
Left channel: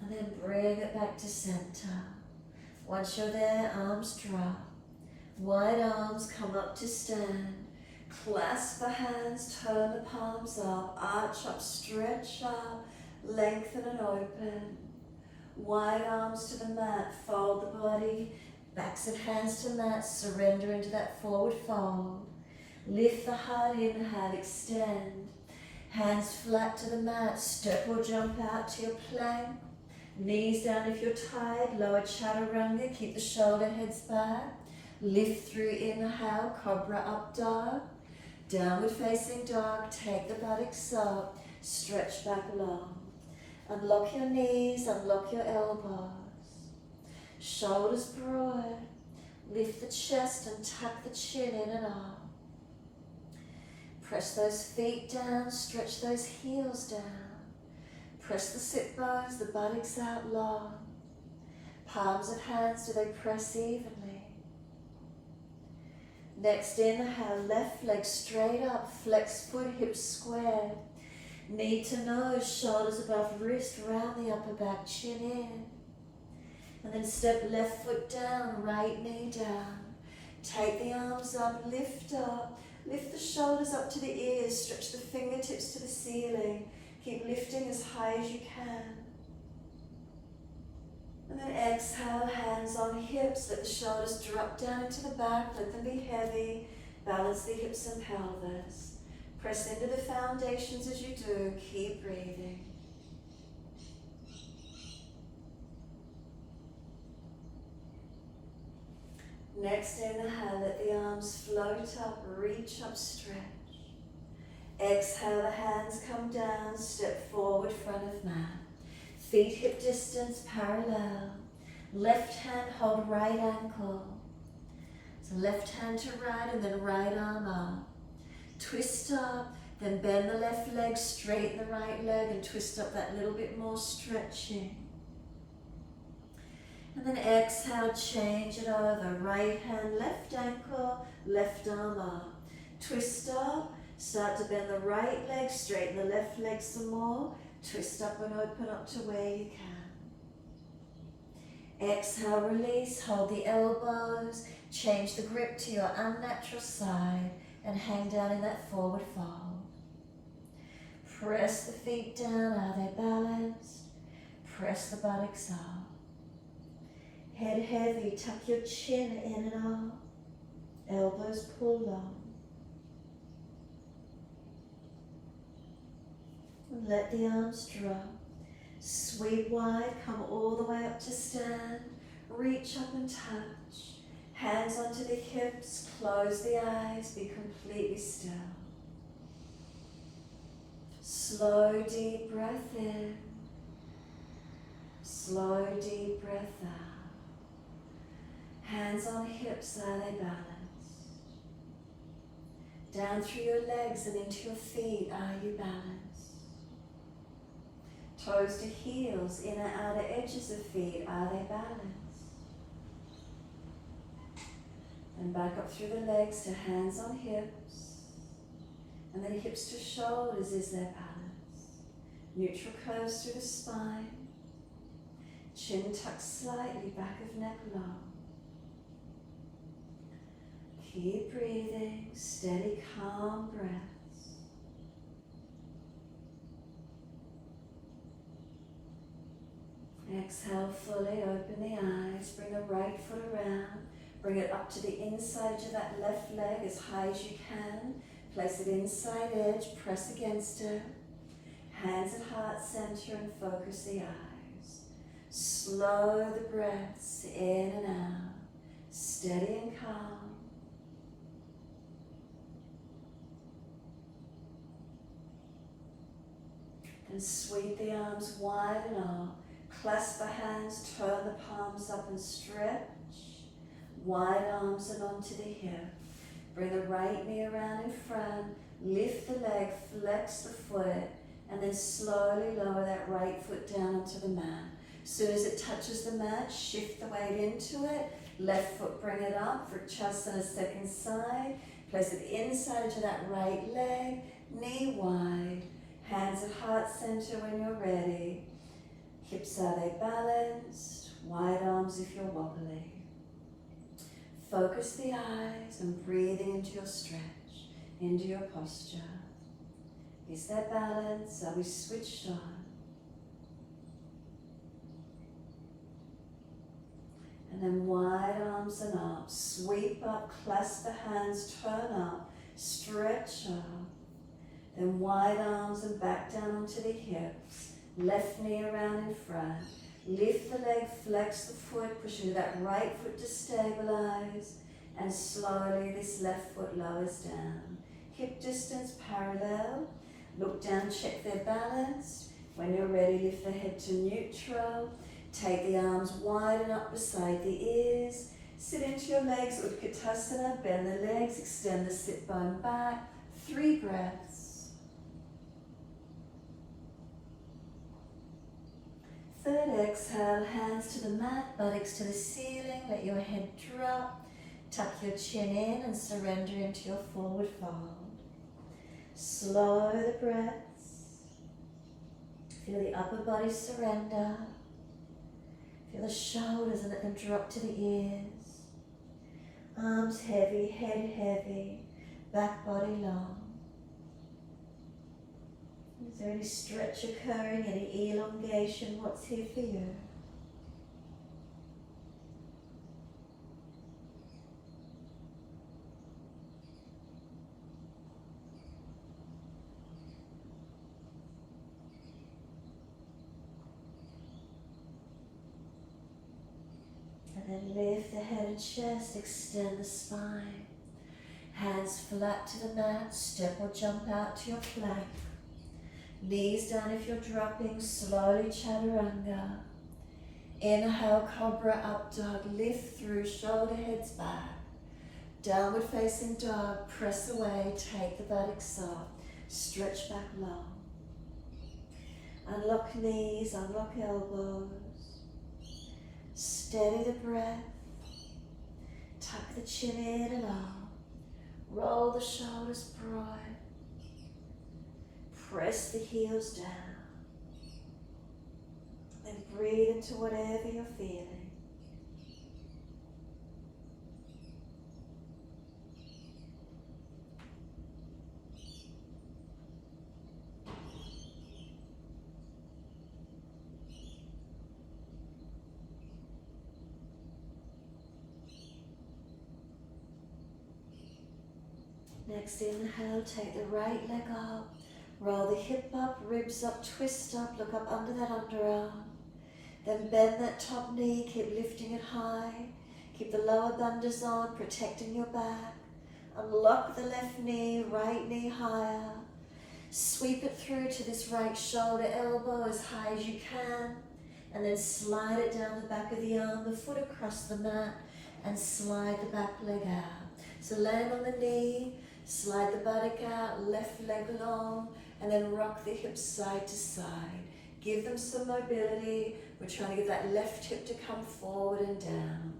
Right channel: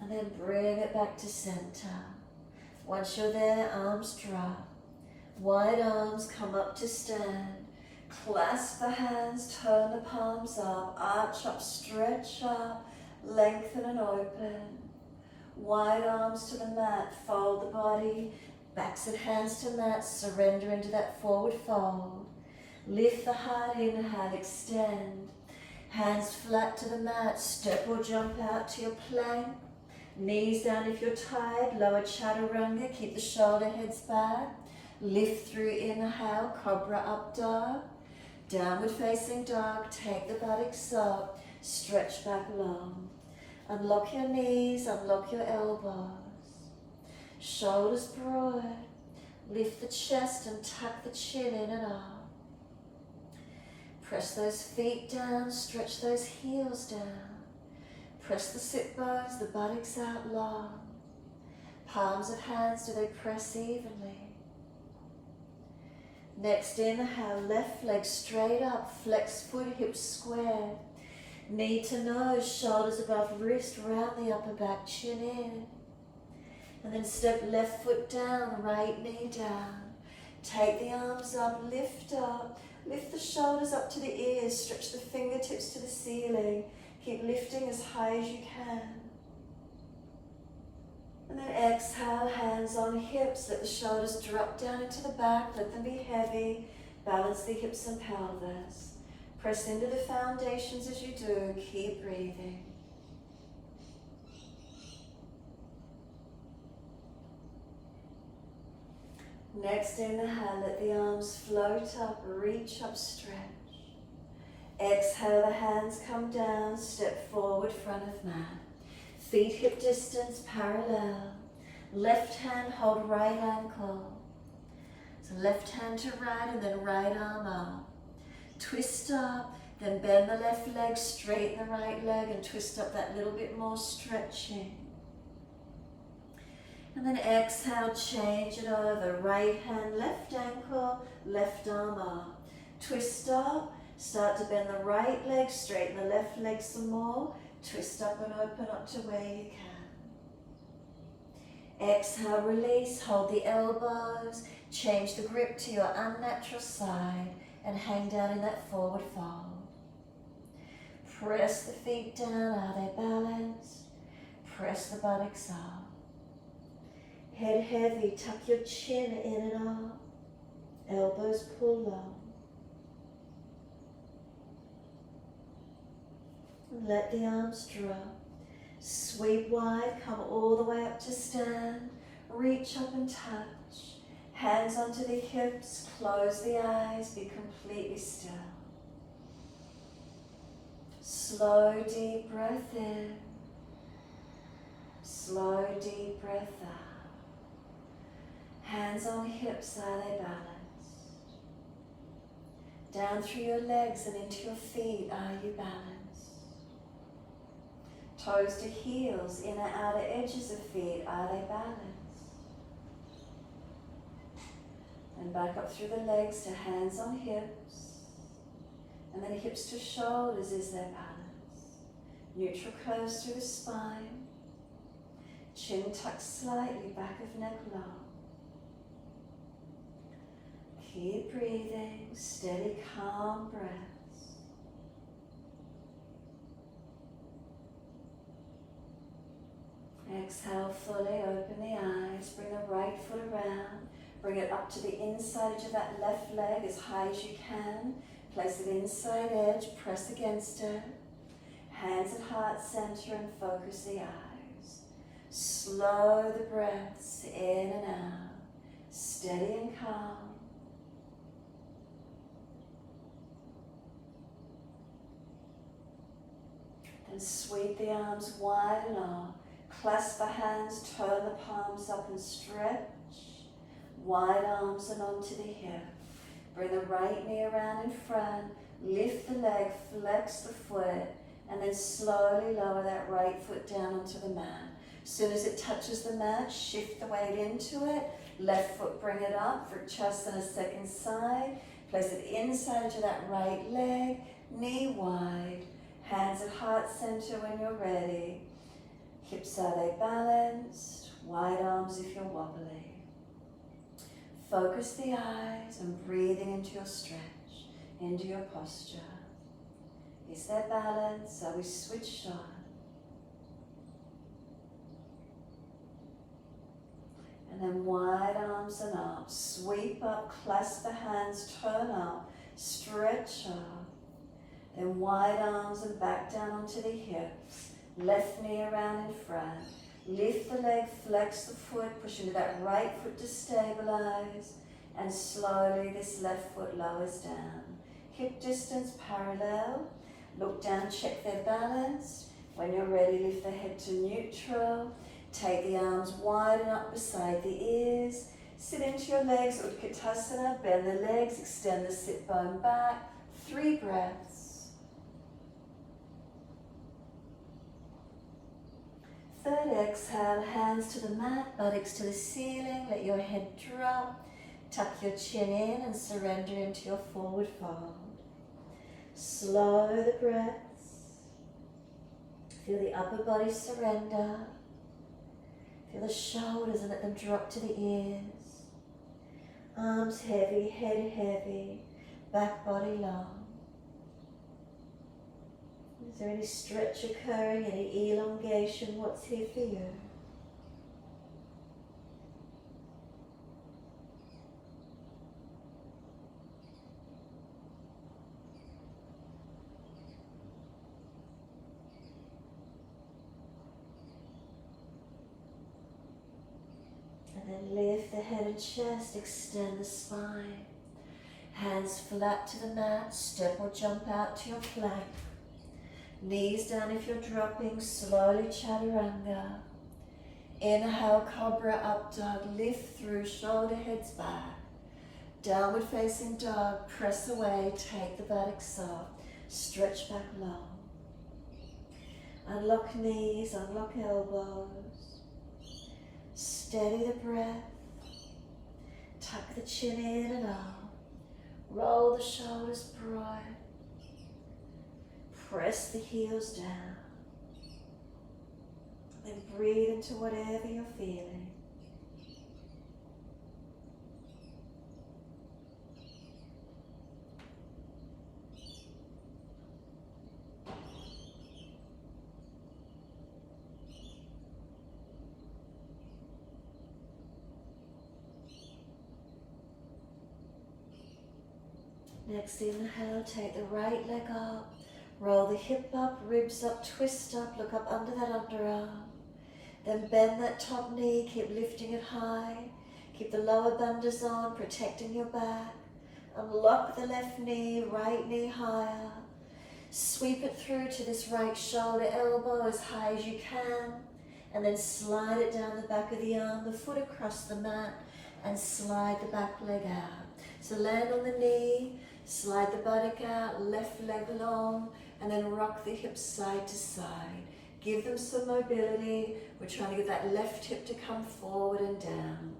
And then bring it back to center. Once you're there, arms drop. Wide arms come up to stand. Clasp the hands, turn the palms up, arch up, stretch up, lengthen and open. Wide arms to the mat, fold the body, backs of hands to mat, surrender into that forward fold. Lift the heart, inhale, extend. Hands flat to the mat, step or jump out to your plank. Knees down if you're tired, lower chaturanga, keep the shoulder heads back. Lift through inhale, cobra up dog. Downward facing dog, take the buttocks up, stretch back long. Unlock your knees, unlock your elbows. Shoulders broad, Lift the chest and tuck the chin in and up. Press those feet down, stretch those heels down. Press the sit bones, the buttocks out long. Palms of hands, do they press evenly? Next inhale, left leg straight up, flex foot, hips squared. Knee to nose, shoulders above wrist, round the upper back, chin in. And then step left foot down, right knee down. Take the arms up, lift up. Lift the shoulders up to the ears, stretch the fingertips to the ceiling. Keep lifting as high as you can. And then exhale, hands on hips, let the shoulders drop down into the back, let them be heavy. Balance the hips and pelvis. Press into the foundations as you do, keep breathing. Next inhale, let the arms float up, reach up, stretch. Exhale, the hands come down, step forward, front of mat. Feet hip distance parallel. Left hand hold right ankle. So left hand to right and then right arm up. Twist up, then bend the left leg, straighten the right leg and twist up that little bit more, stretching. And then exhale, change it over. Right hand, left ankle, left arm up. Twist up, start to bend the right leg, straighten the left leg some more. Twist up and open up to where you can. Exhale, release, hold the elbows, change the grip to your unnatural side and hang down in that forward fold. Press the feet down, are they balanced? Press the buttocks up. Head heavy, tuck your chin in and up. Elbows pull long. And let the arms drop. Sweep wide, come all the way up to stand. Reach up and touch. Hands onto the hips, close the eyes, be completely still. Slow, deep breath in. Slow, deep breath out. Hands on hips, are they balanced? Down through your legs and into your feet, are you balanced? Toes to heels, inner outer edges of feet, are they balanced? And back up through the legs to hands on hips. And then hips to shoulders, is there balance? Neutral curves through the spine. Chin tucked slightly, back of neck long. Keep breathing, steady, calm breaths. Exhale fully, open the eyes, bring the right foot around, bring it up to the inside of that left leg as high as you can. Place it inside edge, press against it. Hands at heart center and focus the eyes. Slow the breaths in and out, steady and calm. And sweep the arms wide and up. Clasp the hands, turn the palms up and stretch. Wide arms and onto the hip. Bring the right knee around in front. Lift the leg, flex the foot, and then slowly lower that right foot down onto the mat. As soon as it touches the mat, shift the weight into it. Left foot, bring it up for chest and a second side. Place it inside to that right leg, knee wide. Hands at heart center when you're ready. Hips, are they balanced? Wide arms if you're wobbly. Focus the eyes and breathing into your stretch, into your posture. Is there balance? Are we switched on? And then wide arms and up. Sweep up, clasp the hands, turn up, stretch up. Then wide arms and back down onto the hips. Left knee around in front. Lift the leg, flex the foot, push into that right foot to stabilize. And slowly this left foot lowers down. Hip distance parallel. Look down, check they're balanced. When you're ready, lift the head to neutral. Take the arms wide and up beside the ears. Sit into your legs, Utkatasana, bend the legs, extend the sit bone back. 3 breaths. Third exhale, hands to the mat, buttocks to the ceiling, let your head drop. Tuck your chin in and surrender into your forward fold. Slow the breaths. Feel the upper body surrender. Feel the shoulders and let them drop to the ears. Arms heavy, head heavy, back body long. Is there any stretch occurring, any elongation? What's here for you? And then lift the head and chest, extend the spine. Hands flat to the mat, step or jump out to your flank. Knees down if you're dropping, slowly chaturanga. Inhale, cobra, up dog, lift through, shoulder heads back. Downward facing dog, press away, take the buttocks up, stretch back long. Unlock knees, unlock elbows. Steady the breath. Tuck the chin in and up. Roll the shoulders broad. Press the heels down. Then breathe into whatever you're feeling. Next inhale, take the right leg up. Roll the hip up, ribs up, twist up, look up under that underarm. Then bend that top knee, keep lifting it high. Keep the lower bandhas on, protecting your back. Unlock the left knee, right knee higher. Sweep it through to this right shoulder, elbow as high as you can. And then slide it down the back of the arm, the foot across the mat, and slide the back leg out. So land on the knee, slide the buttock out, left leg long, and then rock the hips side to side. Give them some mobility. We're trying to get that left hip to come forward and down.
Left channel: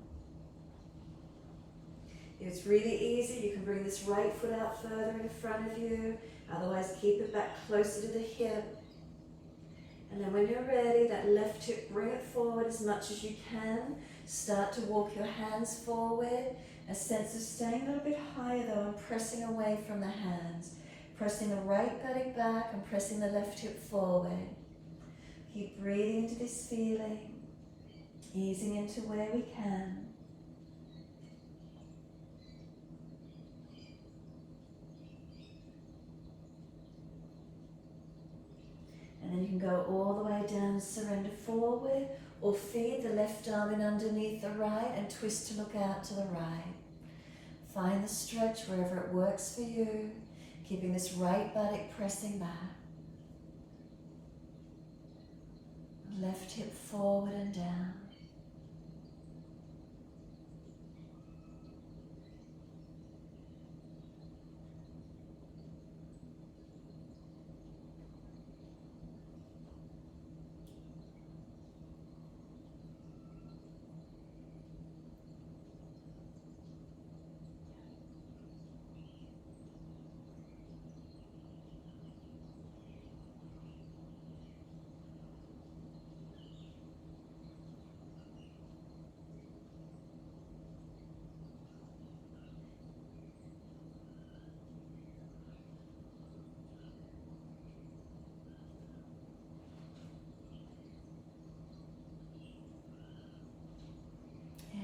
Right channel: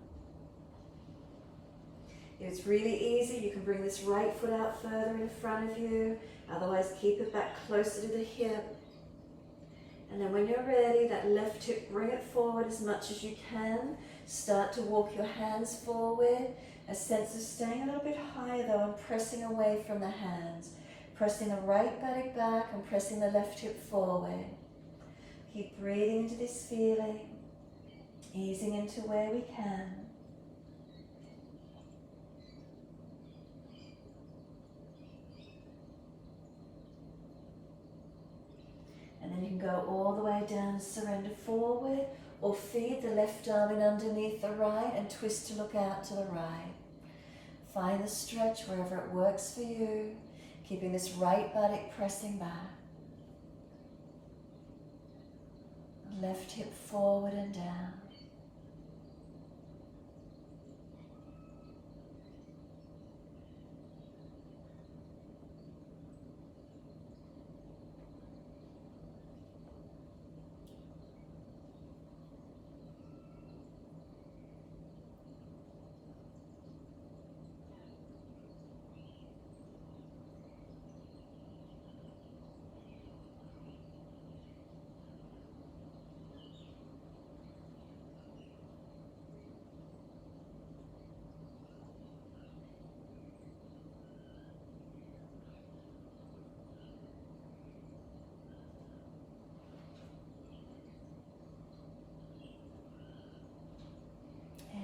If it's really easy, you can bring this right foot out further in front of you. Otherwise, keep it back closer to the hip. And then when you're ready, that left hip, bring it forward as much as you can. Start to walk your hands forward. A sense of staying a little bit higher though and pressing away from the hands. Pressing the right buttock back and pressing the left hip forward. Keep breathing into this feeling, easing into where we can. And then you can go all the way down, surrender forward, or feed the left arm in underneath the right and twist to look out to the right. Find the stretch wherever it works for you, keeping this right buttock pressing back. Left hip forward and down.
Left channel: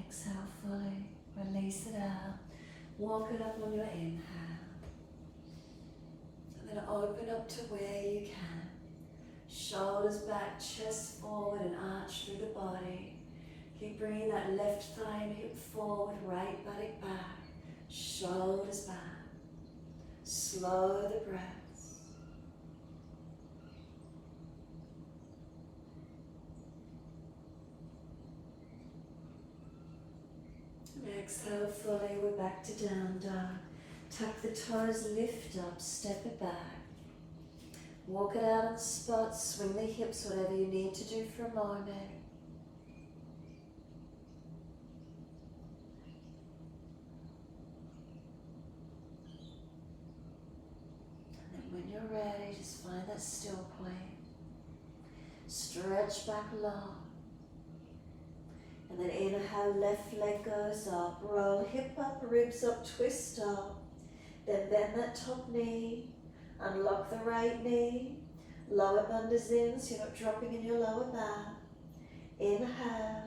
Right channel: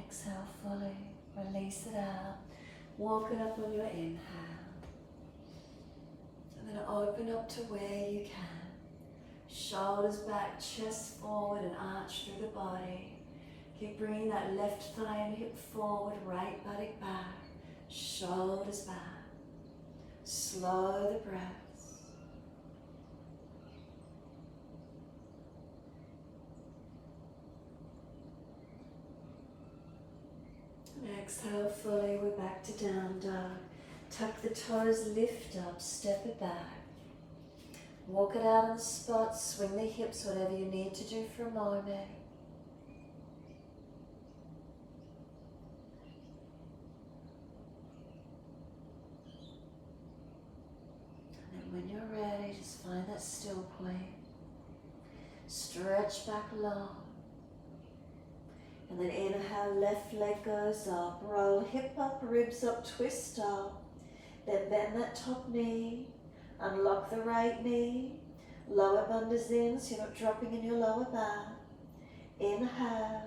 Exhale fully, release it out. Walk it up on your inhale. And then open up to where you can. Shoulders back, chest forward and arch through the body. Keep bringing that left thigh and hip forward, right buttock back. Shoulders back. Slow the breaths. And Exhale fully, we're back to down dog. Tuck the toes, lift up, step it back. Walk it out on the spot, swing the hips, whatever you need to do for a moment. And then when you're ready, just find that still point. Stretch back long. And then inhale, left leg goes up. Roll hip up, ribs up, twist up. Then bend that top knee. Unlock the right knee. Lower bundas in so you're not dropping in your lower back. Inhale.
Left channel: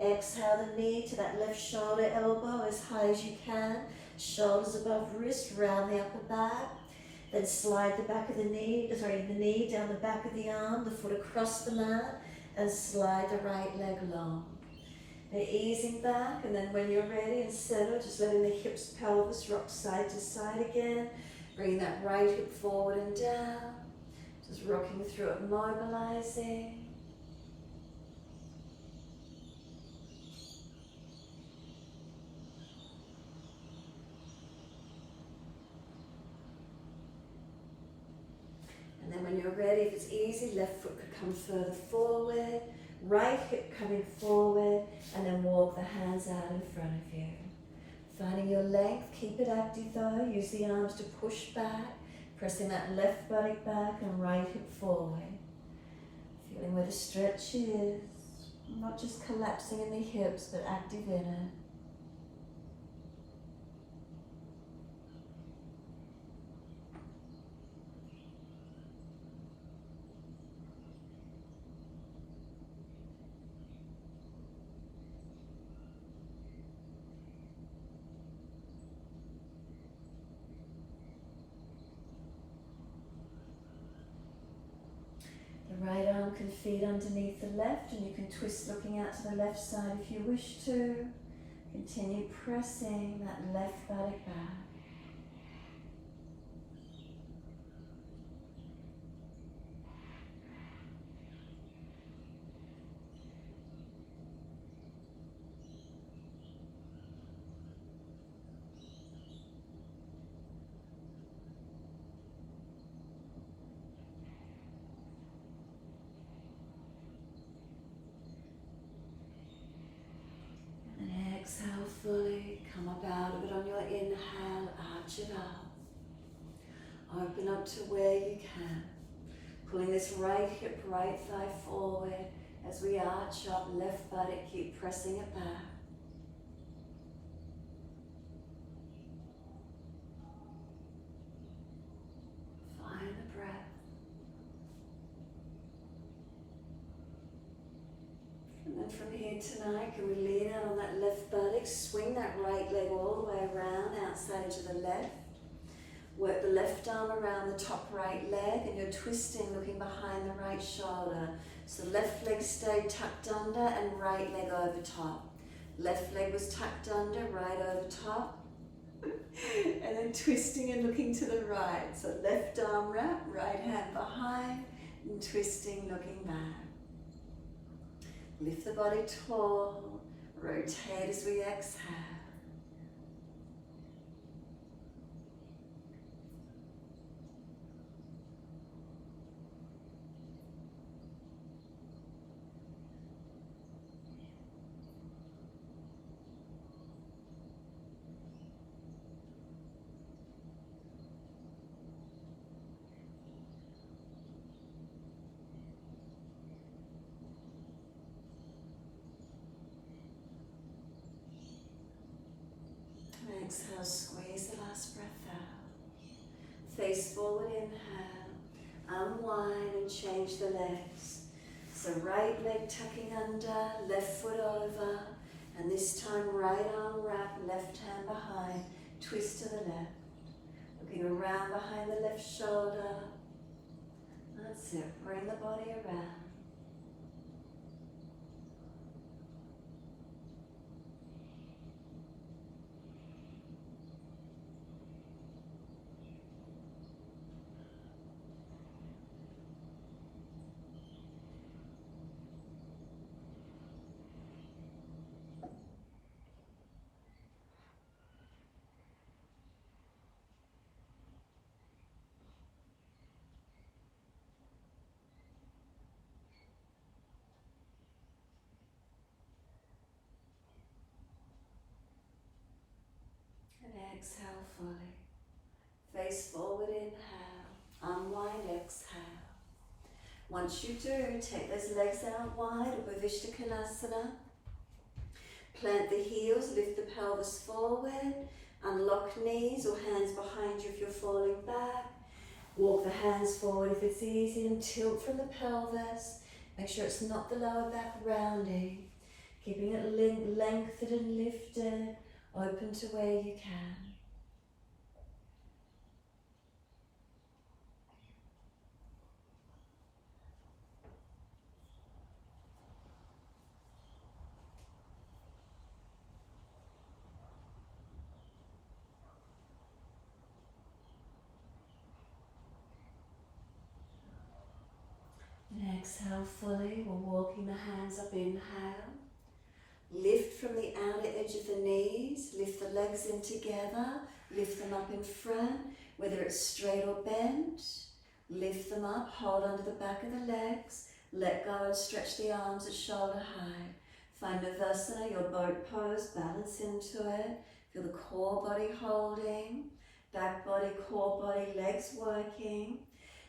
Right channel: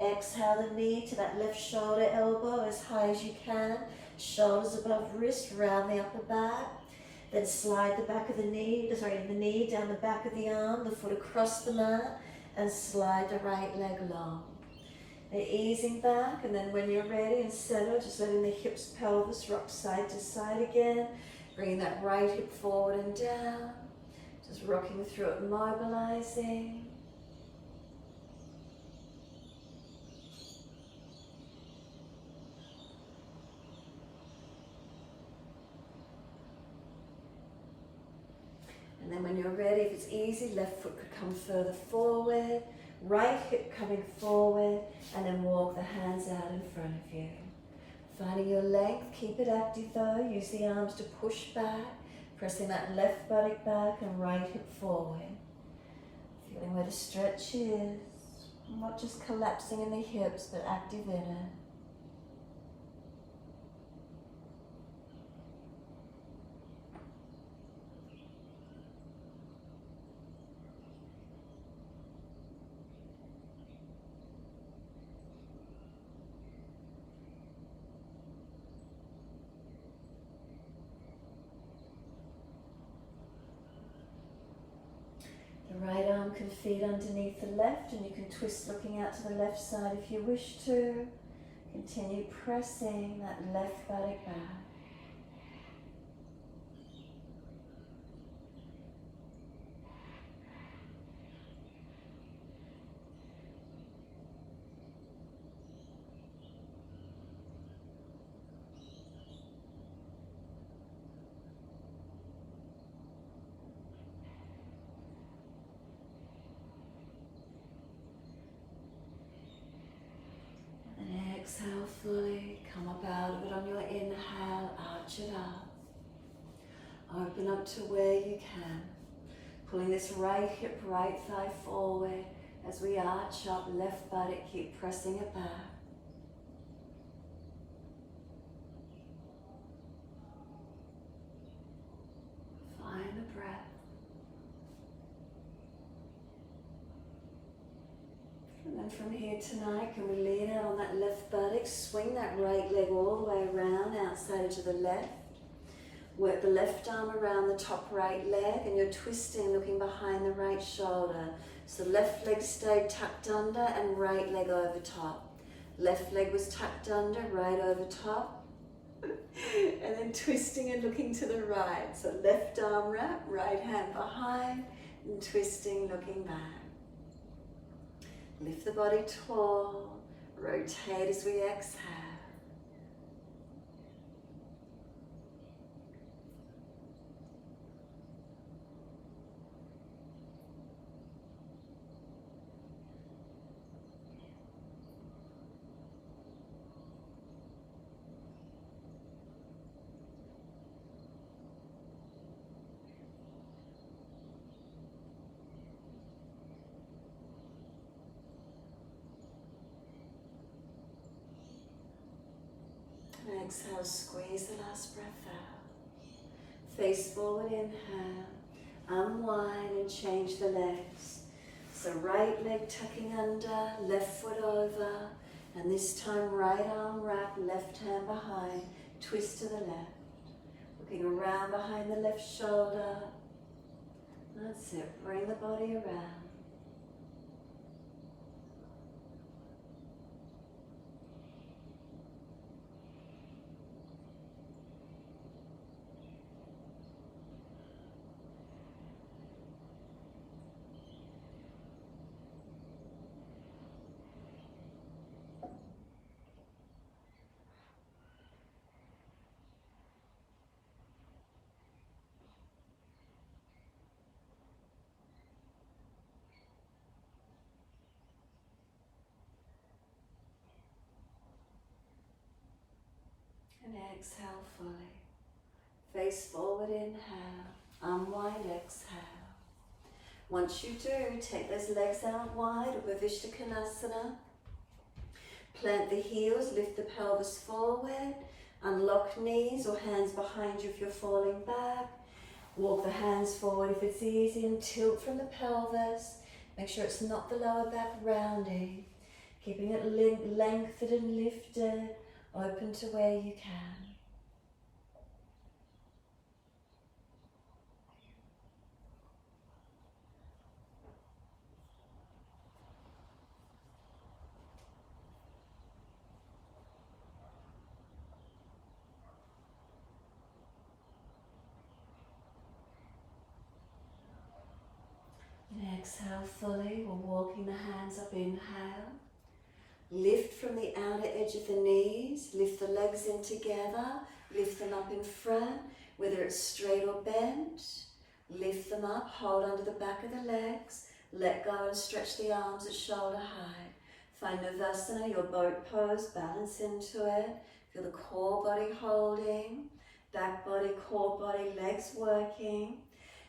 Exhale the knee to that left shoulder, elbow as high as you can. Shoulders above wrist, round the upper back. Then slide the back of the knee down the back of the arm, the foot across the mat, and slide the right leg long. And easing back, and then when you're ready and settled, just letting the hips, pelvis rock side to side again. Bring that right hip forward and down. Just rocking through it, mobilizing. And then when you're ready, if it's easy, left foot could come further forward. Right hip coming forward, and then walk the hands out in front of you. Finding your length, keep it active though. Use the arms to push back, pressing that left buttock back and right hip forward. Feeling where the stretch is, not just collapsing in the hips, but active in it. The right arm can feed underneath the left, and you can twist looking out to the left side if you wish to. Continue pressing that left buttock back. Exhale fully, come up out of it on your inhale, arch it up. Open up to where you can. Pulling this right hip, right thigh forward as we arch up, left buttock, keep pressing it back. Find the breath. And then from here tonight, can we lean out on that left buttock, swing that right leg all the way around, outside to the left. Work the left arm around the top right leg, and you're twisting, looking behind the right shoulder. So left leg stayed tucked under and right leg over top. Left leg was tucked under, right over top. And then twisting and looking to the right. So left arm wrap, right hand behind, and twisting, looking back. Lift the body tall, rotate as we exhale. Exhale, squeeze the last breath out. Face forward, inhale. Unwind and change the legs. So right leg tucking under, left foot over, and this time right arm wrap, left hand behind, twist to the left. Looking around behind the left shoulder. That's it, bring the body around. exhale fully. Face forward, inhale. Unwind, exhale. Once you do, take those legs out wide, Upavishta Konasana. Plant the heels, lift the pelvis forward. Unlock knees or hands behind you if you're falling back. Walk the hands forward if it's easy and tilt from the pelvis. Make sure it's not the lower back rounding. Keeping it lengthened and lifted, open to where you can. And exhale fully, we're walking the hands up, inhale. Lift from the outer edge of the knees, lift the legs in together, lift them up in front, whether it's straight or bent. Lift them up, hold under the back of the legs, let go and stretch the arms at shoulder height. Find Navasana, your boat pose, balance into it. Feel the core body holding, back body, core body, legs working.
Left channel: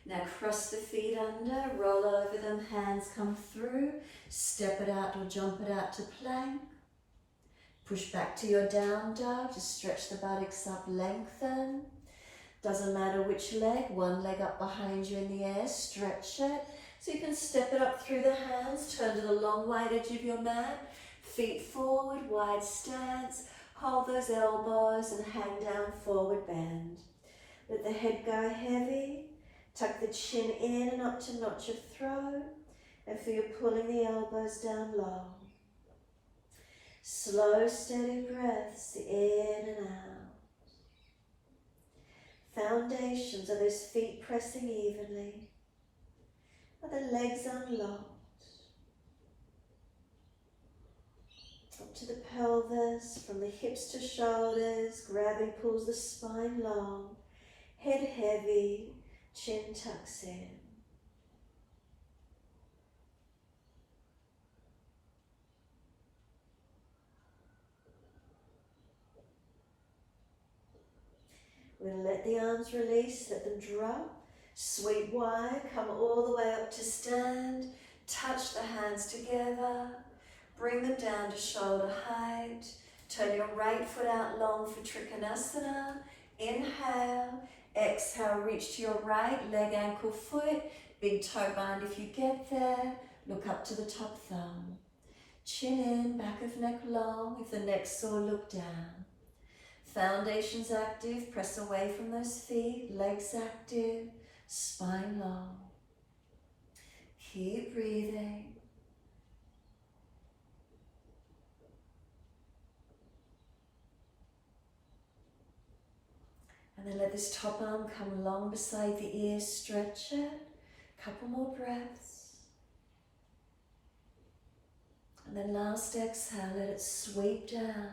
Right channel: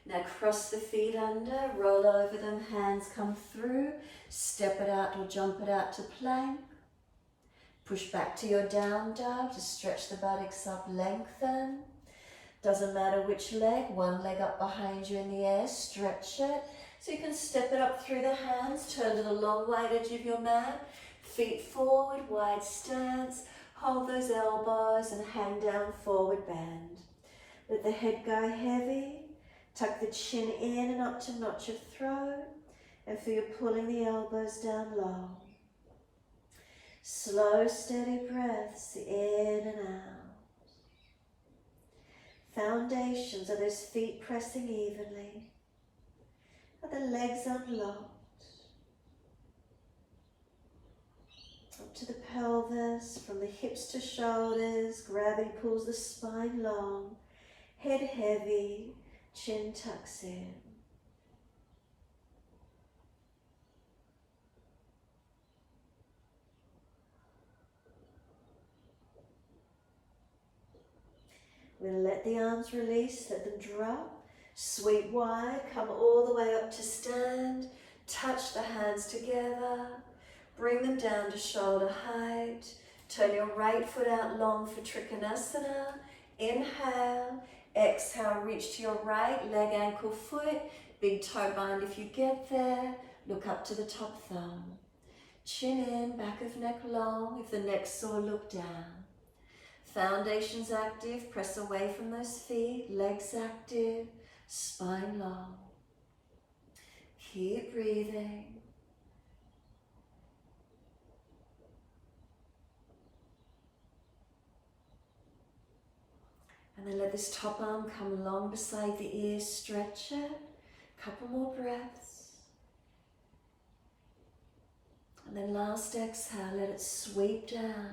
Now cross the feet under, roll over them, hands come through, step it out or jump it out to plank. Push back to your down dog, just stretch the buttocks up, lengthen. Doesn't matter which leg, one leg up behind you in the air, stretch it. So you can step it up through the hands, turn to the long wide edge of your mat, feet forward, wide stance, hold those elbows and hang down, forward bend. Let the head go heavy. Tuck the chin in and up to notch your throat, and feel you pulling the elbows down low. Slow, steady breaths in and out. Foundations, are those feet pressing evenly? Are the legs unlocked? Up to the pelvis, from the hips to shoulders, gravity pulls the spine long, head heavy, chin tucks in. We'll let the arms release, let them drop. Sweep wide, come all the way up to stand. Touch the hands together. Bring them down to shoulder height. Turn your right foot out long for Trikonasana. Inhale. Exhale, reach to your right, leg, ankle, foot. Big toe bind if you get there. Look up to the top thumb. Chin in, back of neck long. If the neck's sore, look down. Foundations active, press away from those feet. Legs active, spine long. Keep breathing. And then let this top arm come long beside the ear, stretch it. Couple more breaths. And then last exhale, let it sweep down.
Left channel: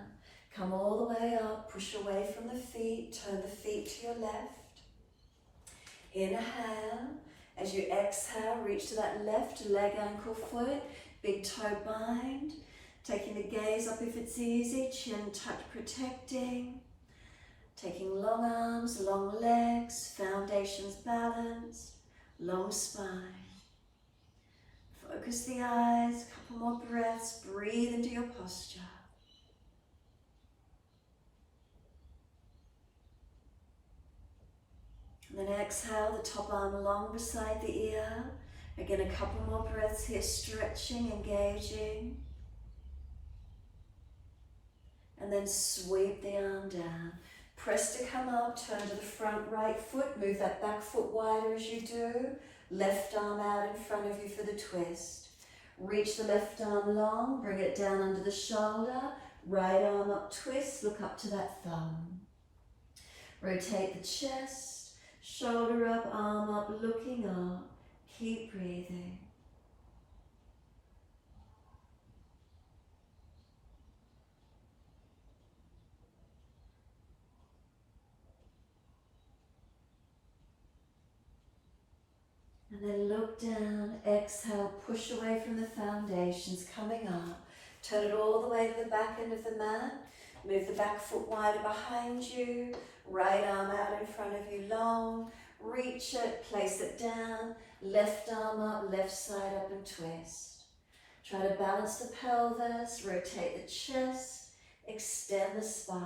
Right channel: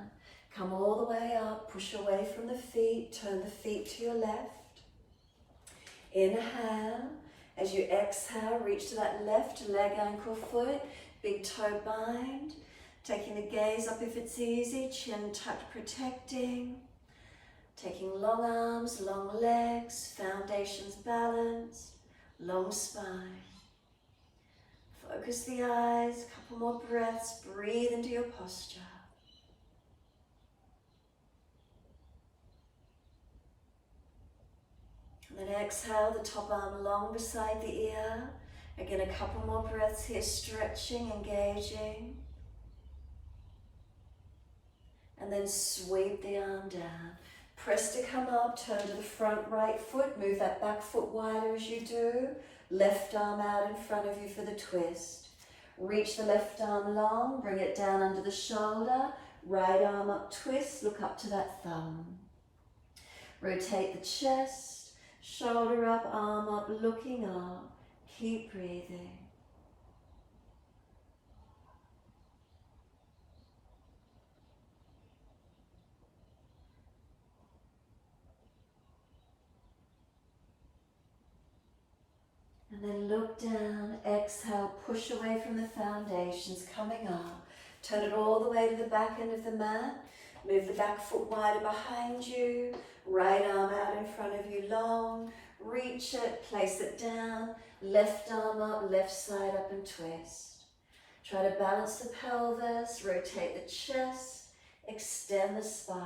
Come all the way up, push away from the feet, turn the feet to your left. Inhale. As you exhale, reach to that left leg, ankle, foot. Big toe bind. Taking the gaze up if it's easy, chin tucked, protecting. Taking long arms, long legs, foundations balanced, long spine. Focus the eyes, couple more breaths, breathe into your posture. And then exhale, the top arm long beside the ear. Again, a couple more breaths here, stretching, engaging. And then sweep the arm down. Press to come up, turn to the front right foot, move that back foot wider as you do. Left arm out in front of you for the twist. Reach the left arm long, bring it down under the shoulder. Right arm up, twist, look up to that thumb. Rotate the chest, shoulder up, arm up, looking up. Keep breathing. And then look down, exhale, push away from the foundations, coming up. Turn it all the way to the back end of the mat. Move the back foot wider behind you. Right arm out in front of you long. Reach it, place it down. Left arm up, left side up and twist. Try to balance the pelvis, rotate the chest, extend the spine.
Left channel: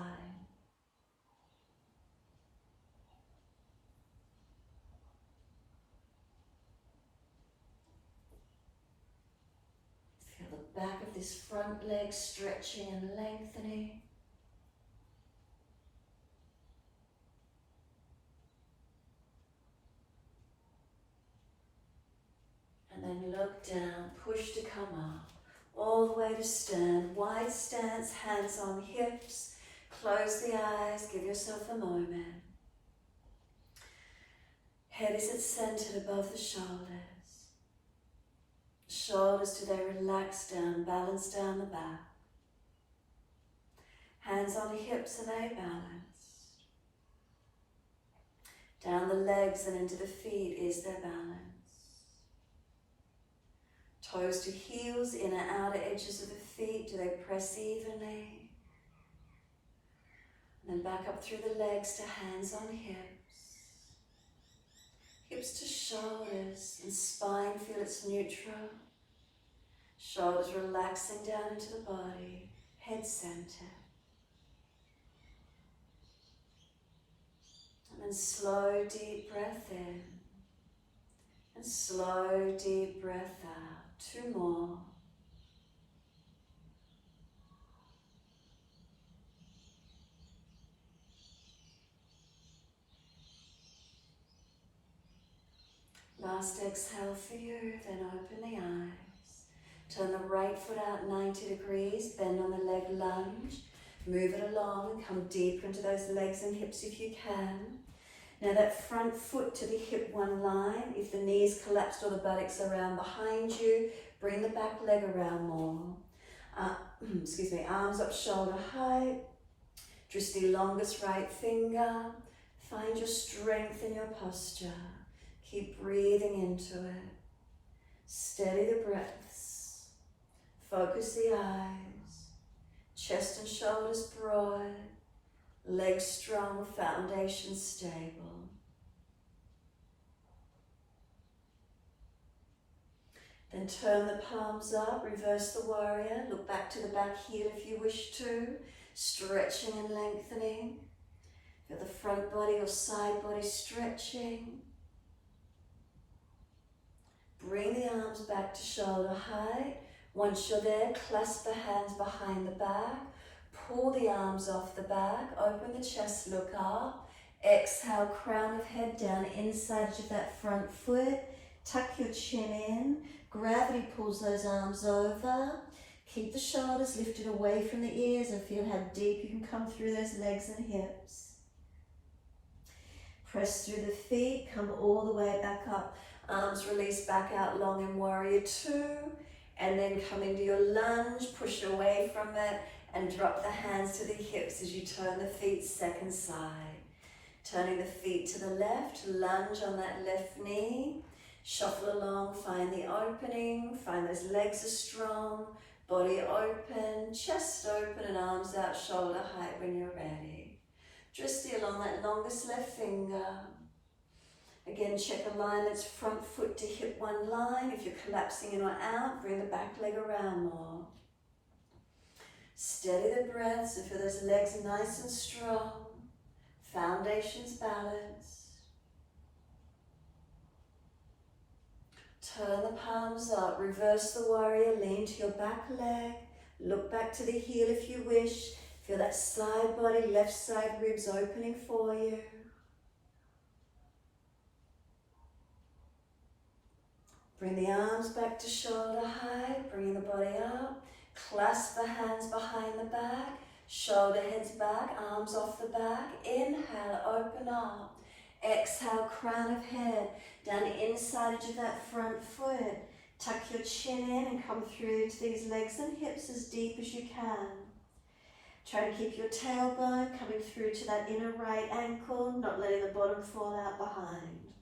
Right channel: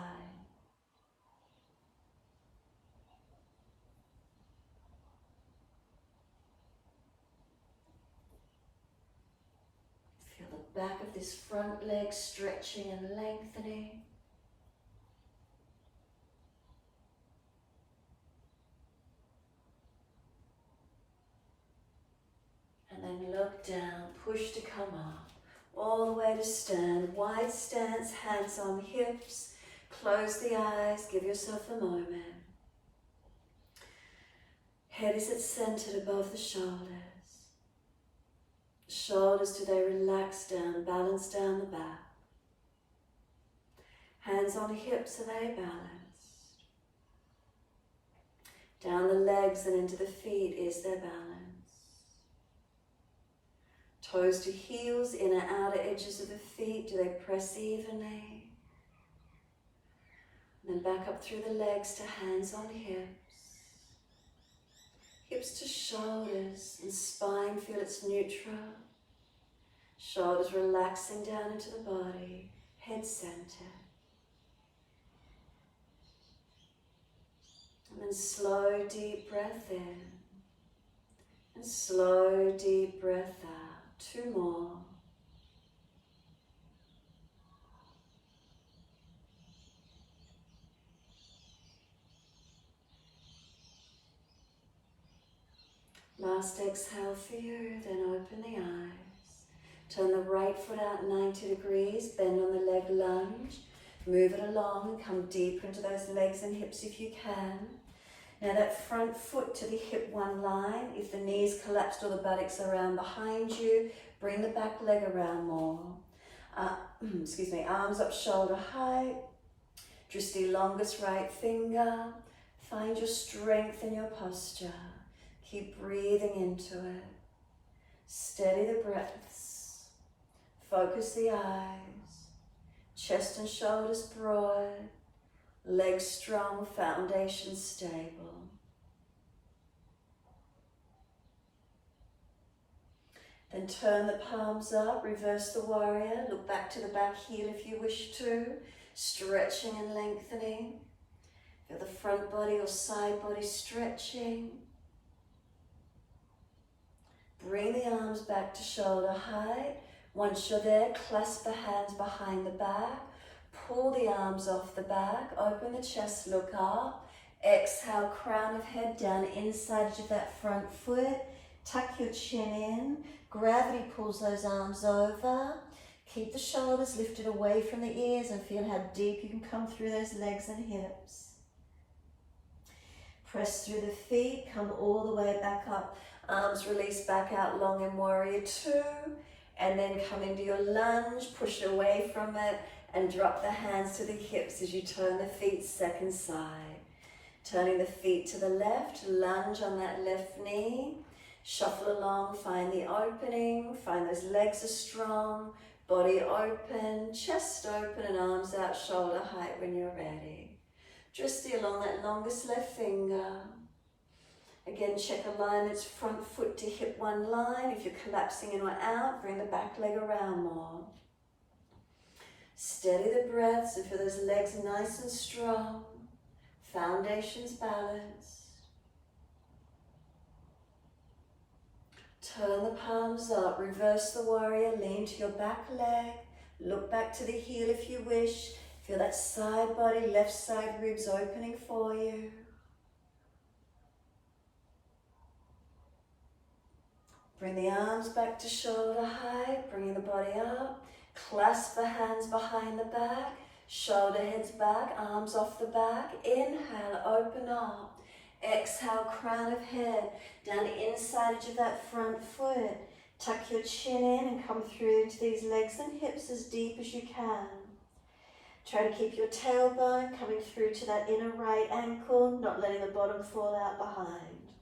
Feel the back of this front leg stretching and lengthening. And then look down, push to come up, all the way to stand. Wide stance, hands on hips. Close the eyes, give yourself a moment. Head is centered above the shoulders. Shoulders, do they relax down, balance down the back. Hands on the hips, are they balanced? Down the legs and into the feet, is there balance? Toes to heels, inner outer edges of the feet, do they press evenly? And then back up through the legs to hands on hips. Hips to shoulders and spine, feel it's neutral. Shoulders relaxing down into the body, head center. And then slow, deep breath in. And slow, deep breath out. 2 more. Last exhale for you, then open the eyes. Turn the right foot out 90 degrees, bend on the leg lunge. Move it along and come deeper into those legs and hips if you can. Now that front foot to the hip one line. If the knees collapsed or the buttocks around behind you, bring the back leg around more. Excuse me, arms up shoulder height. Just the longest right finger. Find your strength in your posture. Keep breathing into it. Steady the breaths. Focus the eyes. Chest and shoulders broad. Legs strong, foundation stable. Then turn the palms up, reverse the warrior. Look back to the back heel if you wish to. Stretching and lengthening. Feel the front body or side body stretching. Bring the arms back to shoulder height. Once you're there, clasp the hands behind the back. Pull the arms off the back, open the chest, look up. Exhale, crown of head down inside of that front foot. Tuck your chin in. Gravity pulls those arms over. Keep the shoulders lifted away from the ears and feel how deep you can come through those legs and hips. Press through the feet, come all the way back up. Arms release back out long in warrior 2. And then come into your lunge, push away from it. And drop the hands to the hips as you turn the feet second side. Turning the feet to the left, lunge on that left knee. Shuffle along, find the opening, find those legs are strong, body open, chest open and arms out shoulder height when you're ready. Just along that longest left finger. Again, check alignments, front foot to hip one line. If you're collapsing in or out, bring the back leg around more. Steady the breaths and feel those legs nice and strong. Foundations balanced. Turn the palms up, reverse the warrior, lean to your back leg. Look back to the heel if you wish. Feel that side body, left side ribs opening for you. Bring the arms back to shoulder height, bring the body up. Clasp the hands behind the back, shoulder heads back, arms off the back. Inhale, open up. Exhale, crown of head, down inside of that front foot. Tuck your chin in and come through to these legs and hips as deep as you can. Try to keep your tailbone coming through to that inner right ankle, not letting the bottom fall out behind.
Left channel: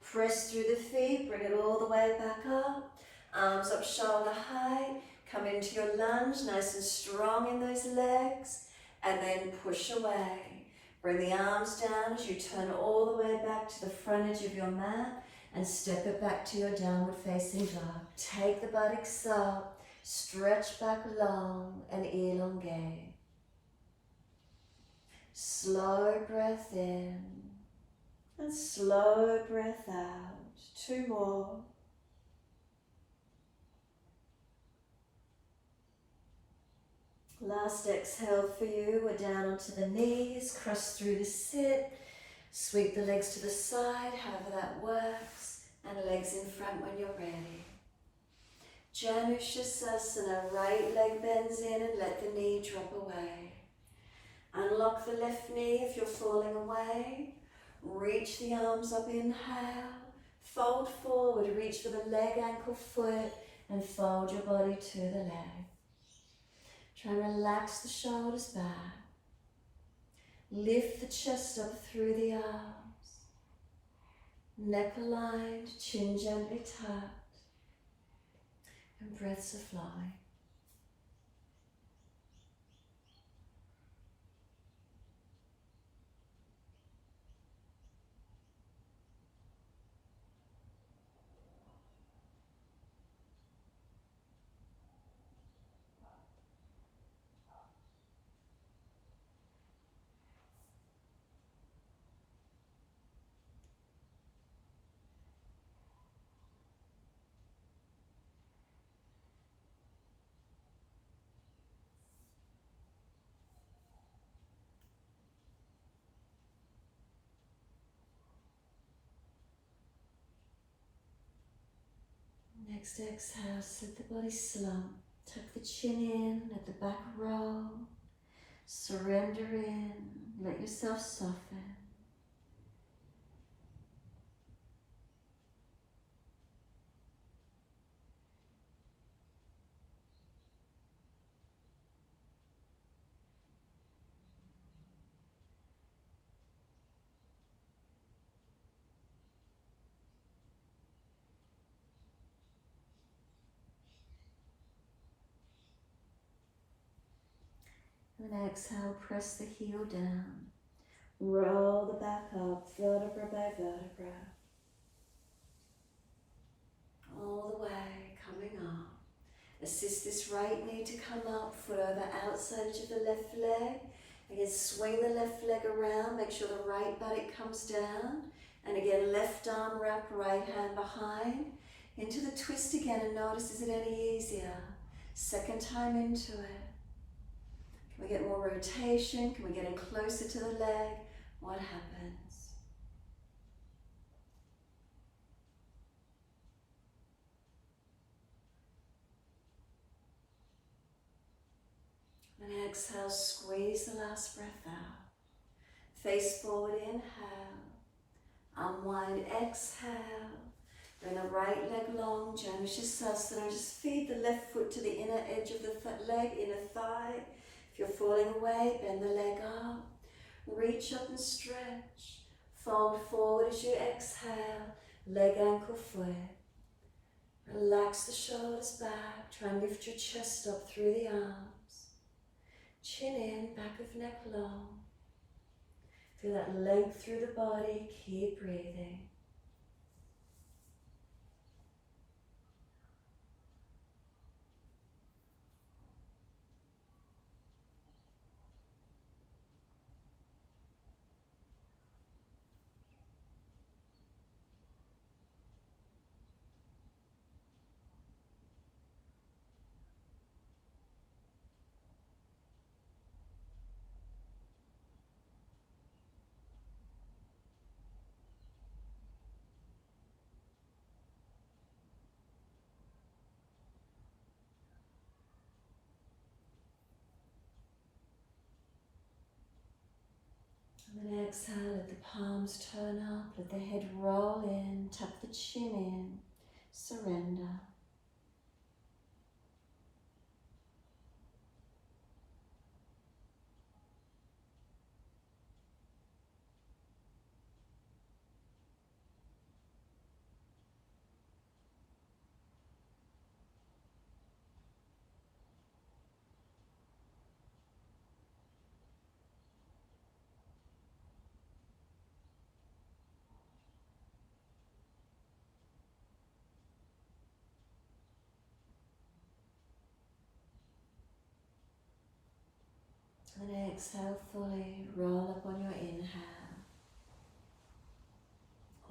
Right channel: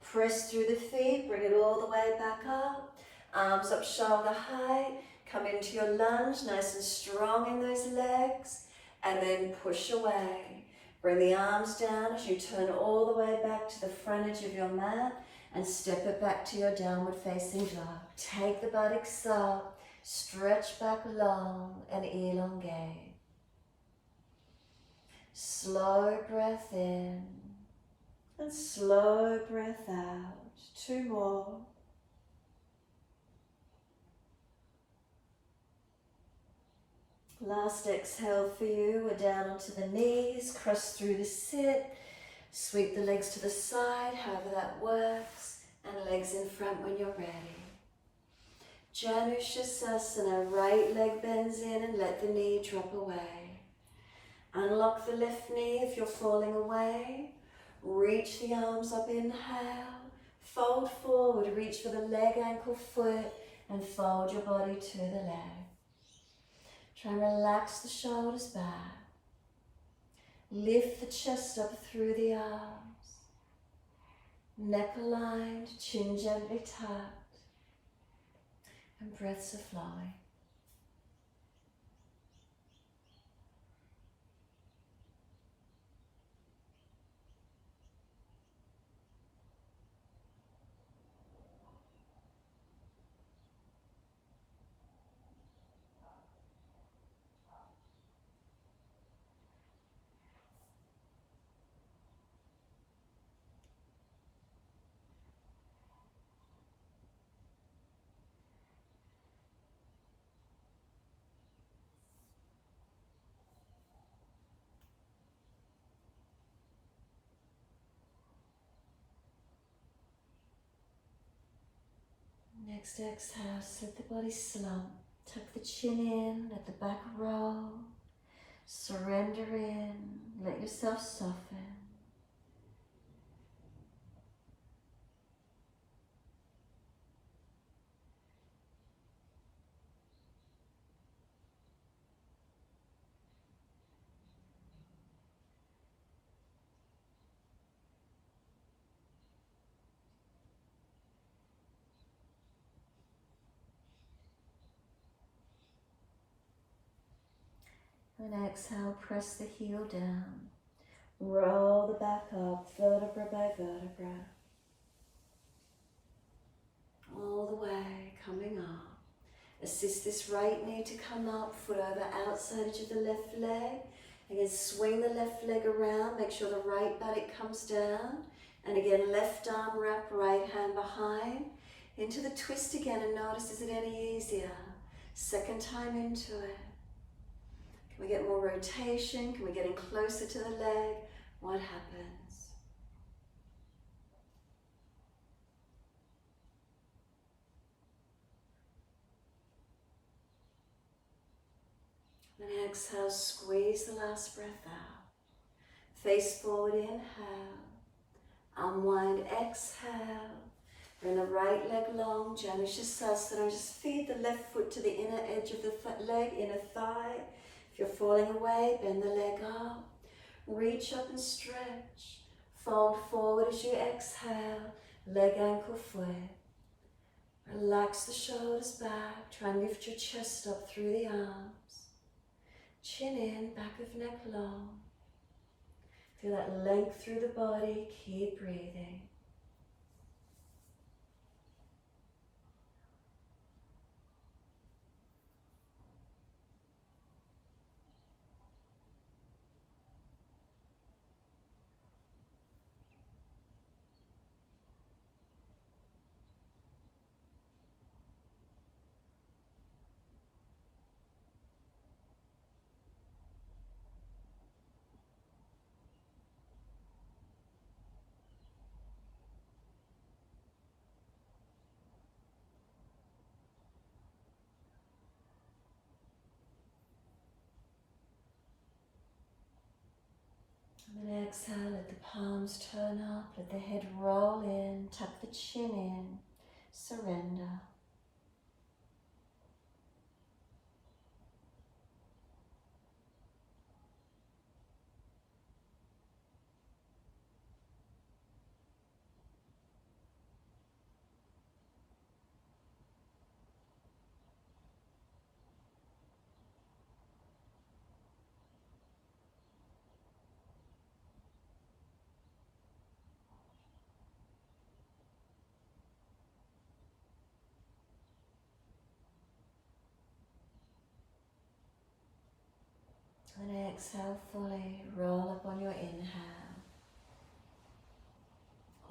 Press through the feet, bring it all the way back up. Arms up shoulder height, Come into your lunge, nice and strong in those legs, and then push away. Bring the arms down as you turn all the way back to the front edge of your mat and step it back to your downward facing dog. Take the buttocks up, stretch back long and elongate. Slow breath in and slow breath out. 2 more. Last exhale for you. We're down onto the knees, cross through the sit, sweep the legs to the side, however that works, and legs in front when you're ready. Janushasana, right leg bends in and let the knee drop away. Unlock the left knee if you're falling away. Reach the arms up, inhale. Fold forward, reach for the leg, ankle, foot, and fold your body to the leg. Try and relax the shoulders back. Lift the chest up through the arms. Neck aligned, chin gently tucked. And breaths are flowing. Next exhale, let the body slump. Tuck the chin in, let the back roll. Surrender in, let yourself soften. And exhale, press the heel down. Roll the back up, vertebra by vertebra. All the way, coming up. Assist this right knee to come up, foot over outside edge of the left leg. Again, swing the left leg around, make sure the right buttock comes down. And again, left arm wrap, right hand behind. Into the twist again, and notice, is it any easier? Second time into it. Can we get more rotation? Can we get in closer to the leg? What happens? And exhale, squeeze the last breath out. Face forward, inhale. Unwind, exhale. Bring the right leg long, Janushasana. Just feed the left foot to the inner edge of the leg, inner thigh. If you're falling away, bend the leg up. Reach up and stretch. Fold forward as you exhale. Leg, ankle, foot. Relax the shoulders back. Try and lift your chest up through the arms. Chin in, back of neck long. Feel that length through the body. Keep breathing. And then exhale, let the palms turn up, let the head roll in, tuck the chin in, surrender. And exhale fully, roll up on your inhale,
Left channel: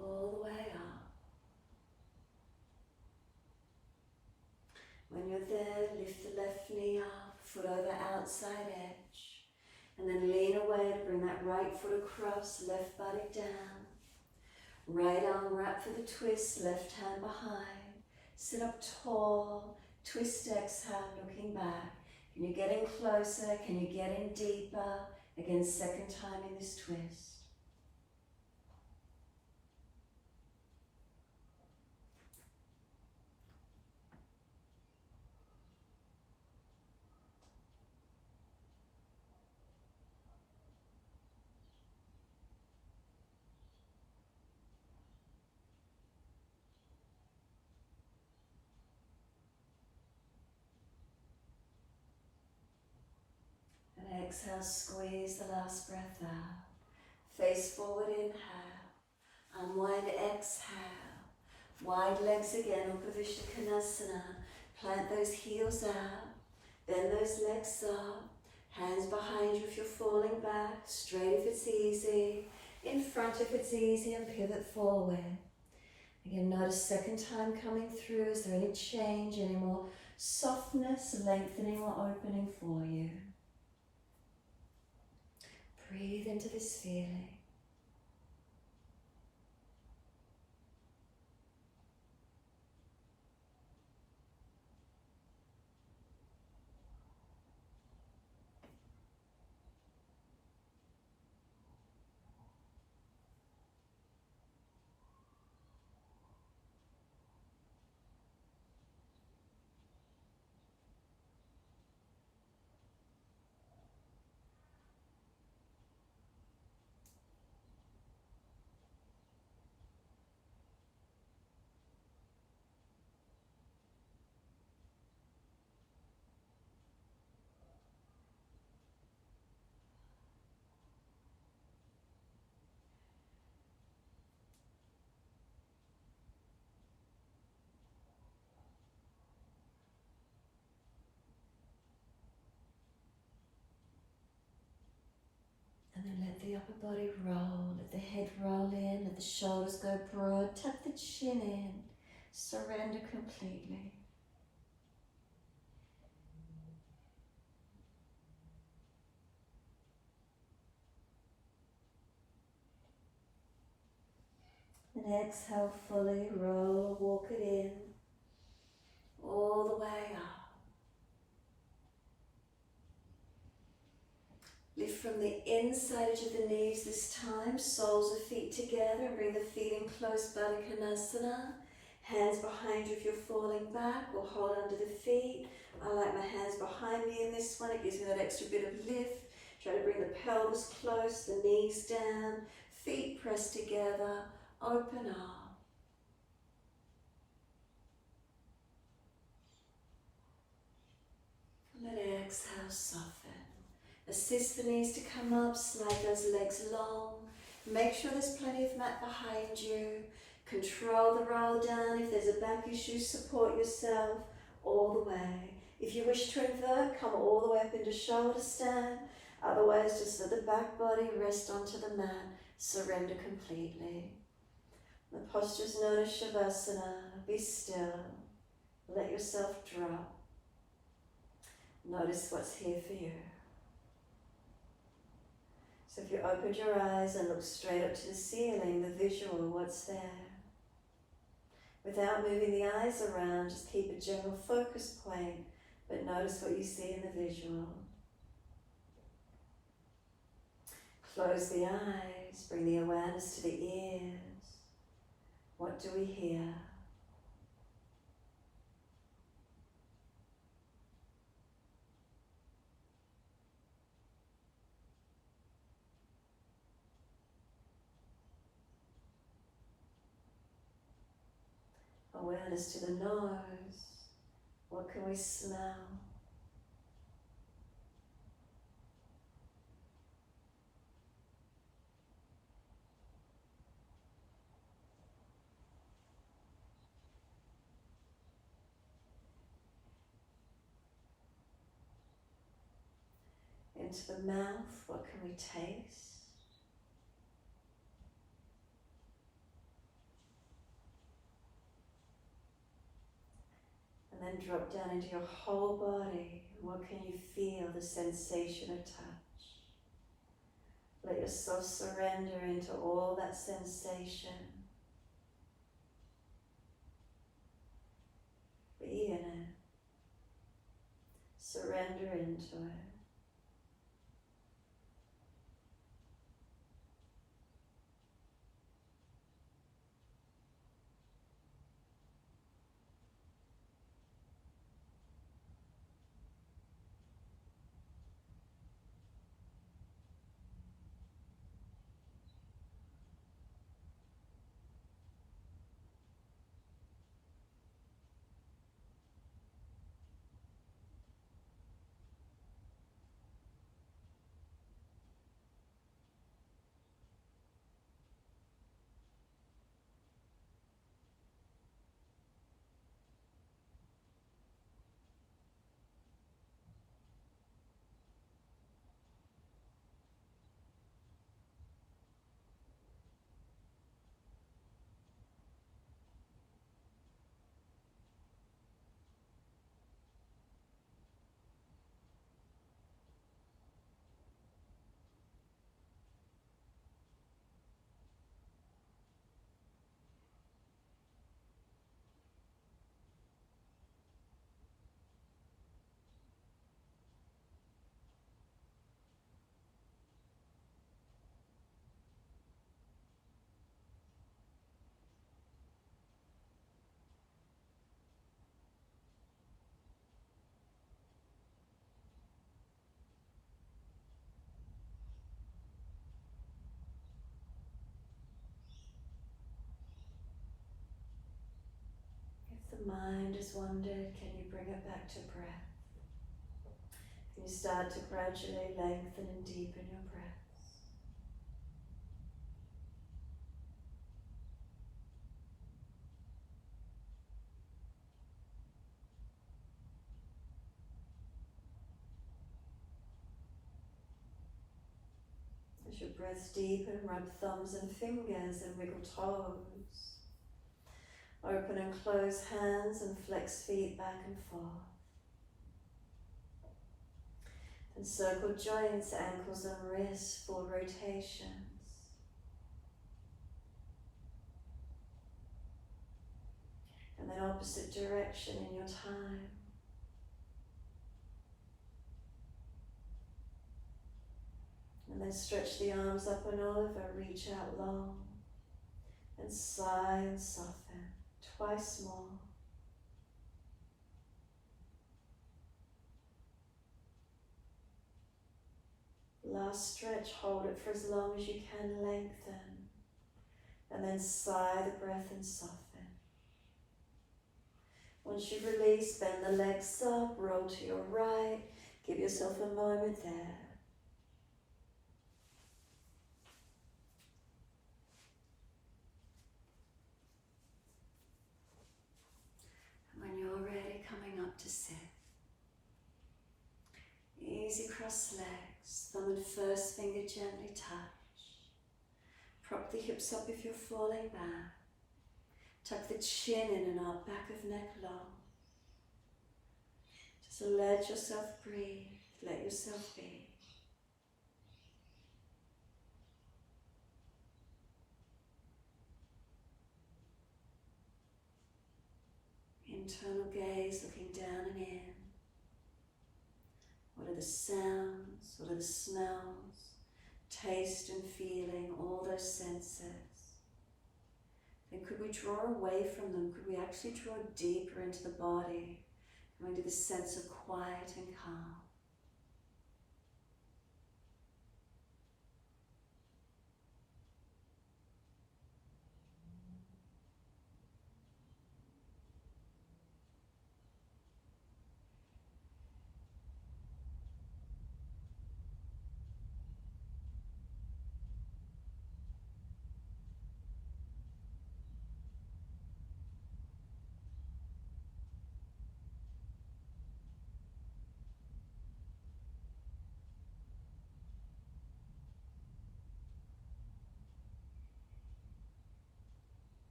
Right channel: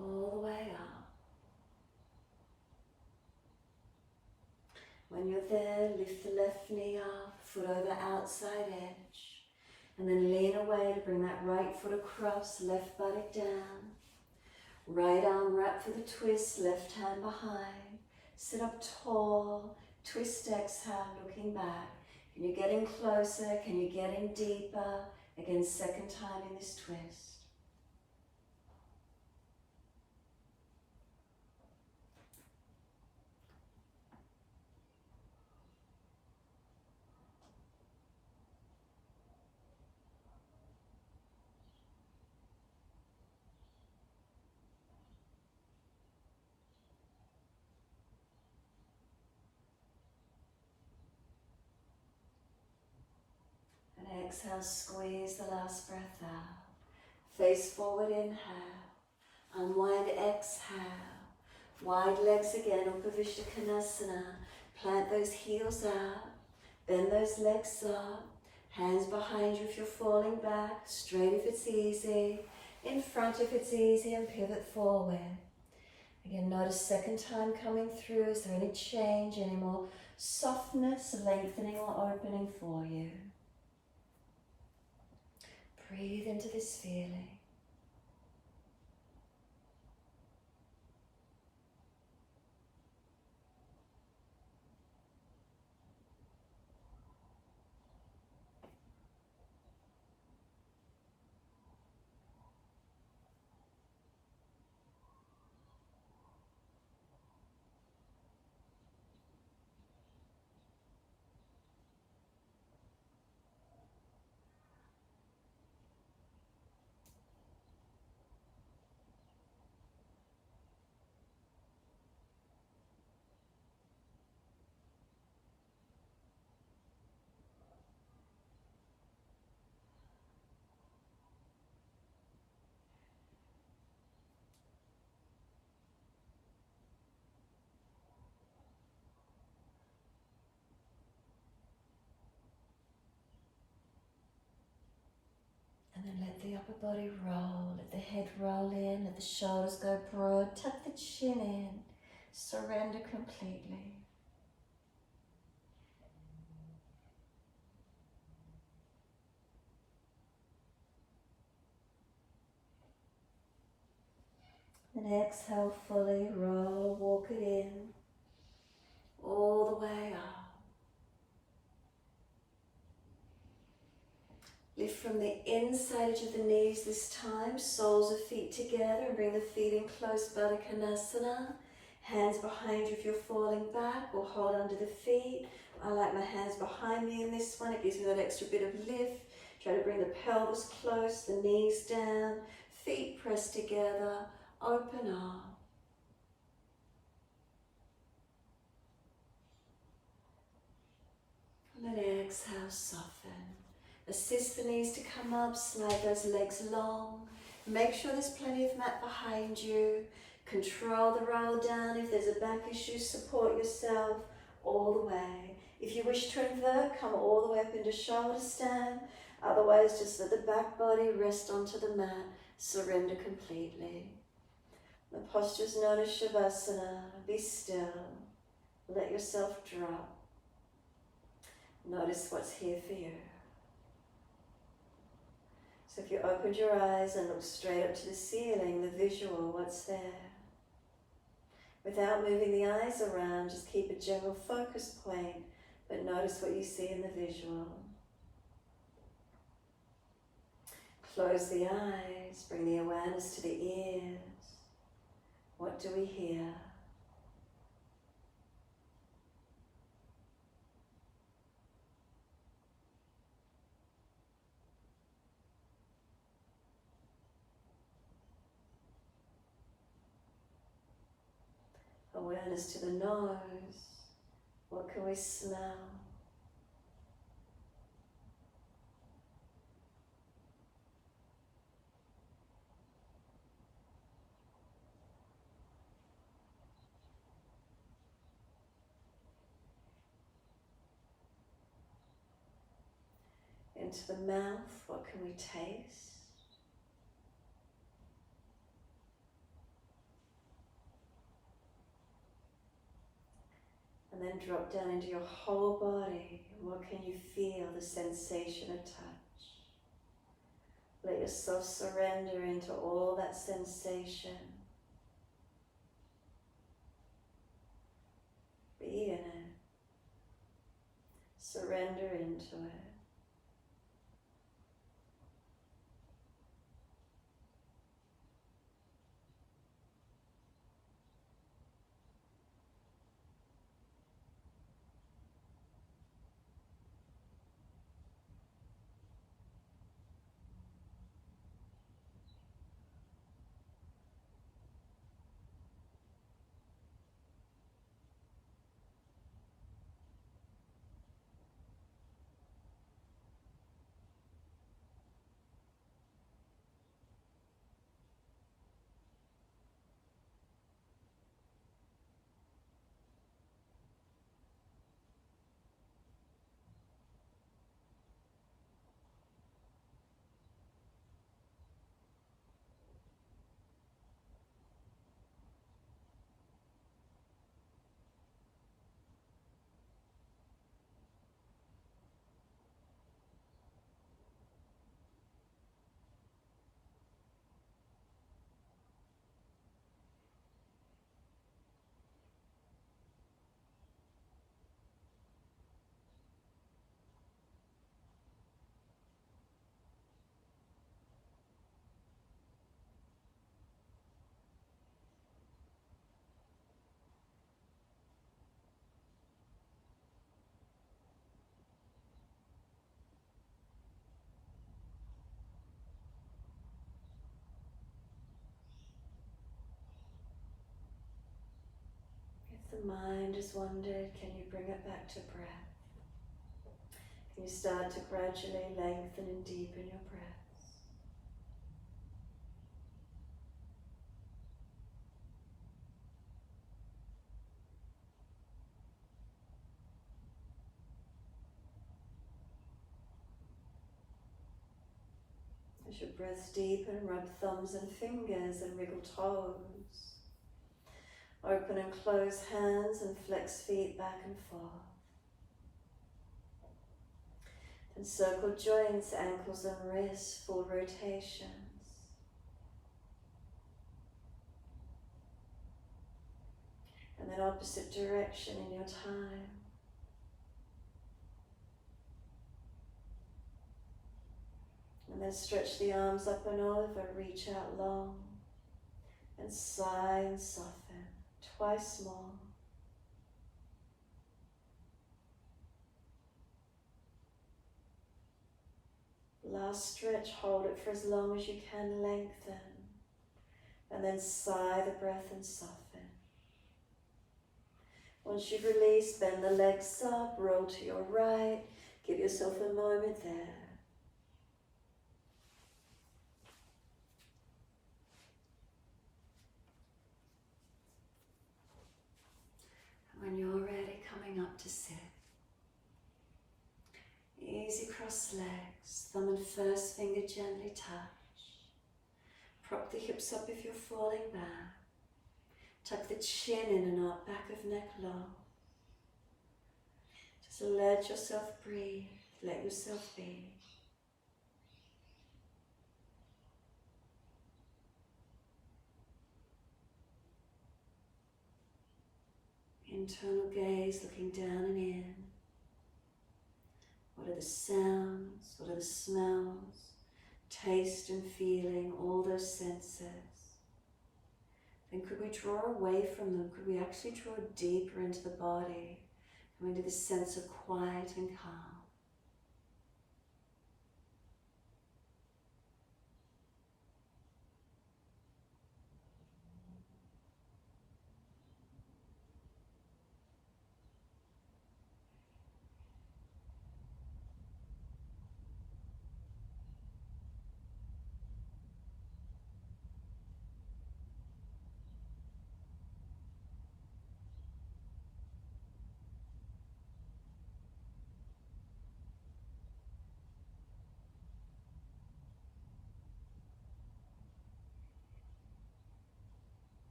all the way up. When you're there, lift the left knee up, foot over outside edge, and then lean away to bring that right foot across, left body down. Right arm wrap for the twist, left hand behind. Sit up tall, twist, exhale, looking back. Can you get in closer? Can you get in deeper? Again, second time in this twist. And exhale, squeeze the last breath out. Face forward, inhale. Unwind, exhale. Wide legs again, Upavishta Konasana. Plant those heels out. Bend those legs up. Hands behind you if you're falling back. Straight if it's easy. In front if it's easy, and pivot forward. Again, notice second time coming through. Is there any change, any more softness, lengthening or opening for you? Breathe into this feeling. And then let the upper body roll, let the head roll in, let the shoulders go broad, tuck the chin in, surrender completely. And exhale fully, roll, walk it in, all the way up. Lift from the inside edge of the knees this time, soles of feet together, and bring the feet in close, Baddha Konasana. Hands behind you if you're falling back, or hold under the feet. I like my hands behind me in this one, it gives me that extra bit of lift. Try to bring the pelvis close, the knees down, feet pressed together, open up. And then exhale, soften. Assist the knees to come up, slide those legs long. Make sure there's plenty of mat behind you. Control the roll down. If there's a back issue, support yourself all the way. If you wish to invert, come all the way up into shoulder stand. Otherwise, just let the back body rest onto the mat. Surrender completely. The posture's known as Shavasana. Be still. Let yourself drop. Notice what's here for you. So if you opened your eyes and look straight up to the ceiling, the visual, what's there? Without moving the eyes around, just keep a general focus point, but notice what you see in the visual. Close the eyes, bring the awareness to the ears. What do we hear? Awareness to the nose. What can we smell? into the mouth, what can we taste? And then drop down into your whole body. And what can you feel? The sensation of touch. Let yourself surrender into all that sensation. Be in it. Surrender into it. If the mind has wandered, can you bring it back to breath? Can you start to gradually lengthen and deepen your breaths? As your breaths deepen, rub thumbs and fingers and wriggle toes. Open and close hands and flex feet back and forth. And circle joints, ankles and wrists, full rotations. And then opposite direction in your time. And then stretch the arms up and over, reach out long. And sigh and soften. Twice more. Last stretch, hold it for as long as you can, lengthen. And then sigh the breath and soften. Once you've released, bend the legs up, roll to your right. Give yourself a moment there. When you're ready, coming up to sit. Easy cross legs, thumb and first finger gently touch. Prop the hips up if you're falling back. Tuck the chin in and up, back of neck long. Just let yourself breathe, let yourself be. Internal gaze, looking down and in. What are the sounds? What are the smells? Taste and feeling, all those senses. Then could we draw away from them? Could we actually draw deeper into the body, going to this sense of quiet and calm?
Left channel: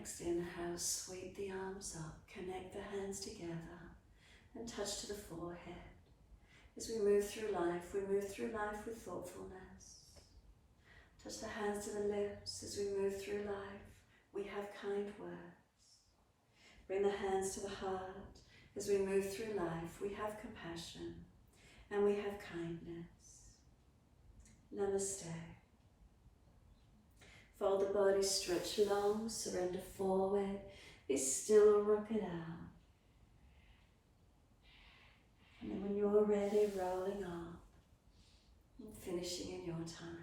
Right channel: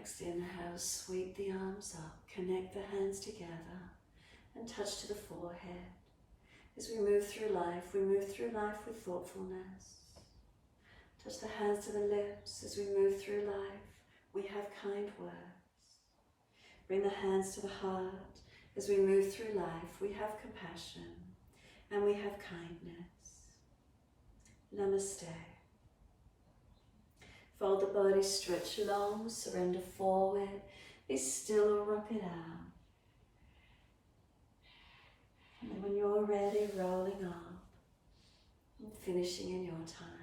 Next inhale, sweep the arms up, connect the hands together and touch to the forehead. As we move through life with thoughtfulness. Touch the hands to the lips. As we move through life, we have kind words. Bring the hands to the heart. As we move through life, we have compassion and we have kindness. Namaste. Fold the body, stretch long, surrender forward, be still, rock it out. And then when you're ready, rolling up and finishing in your time.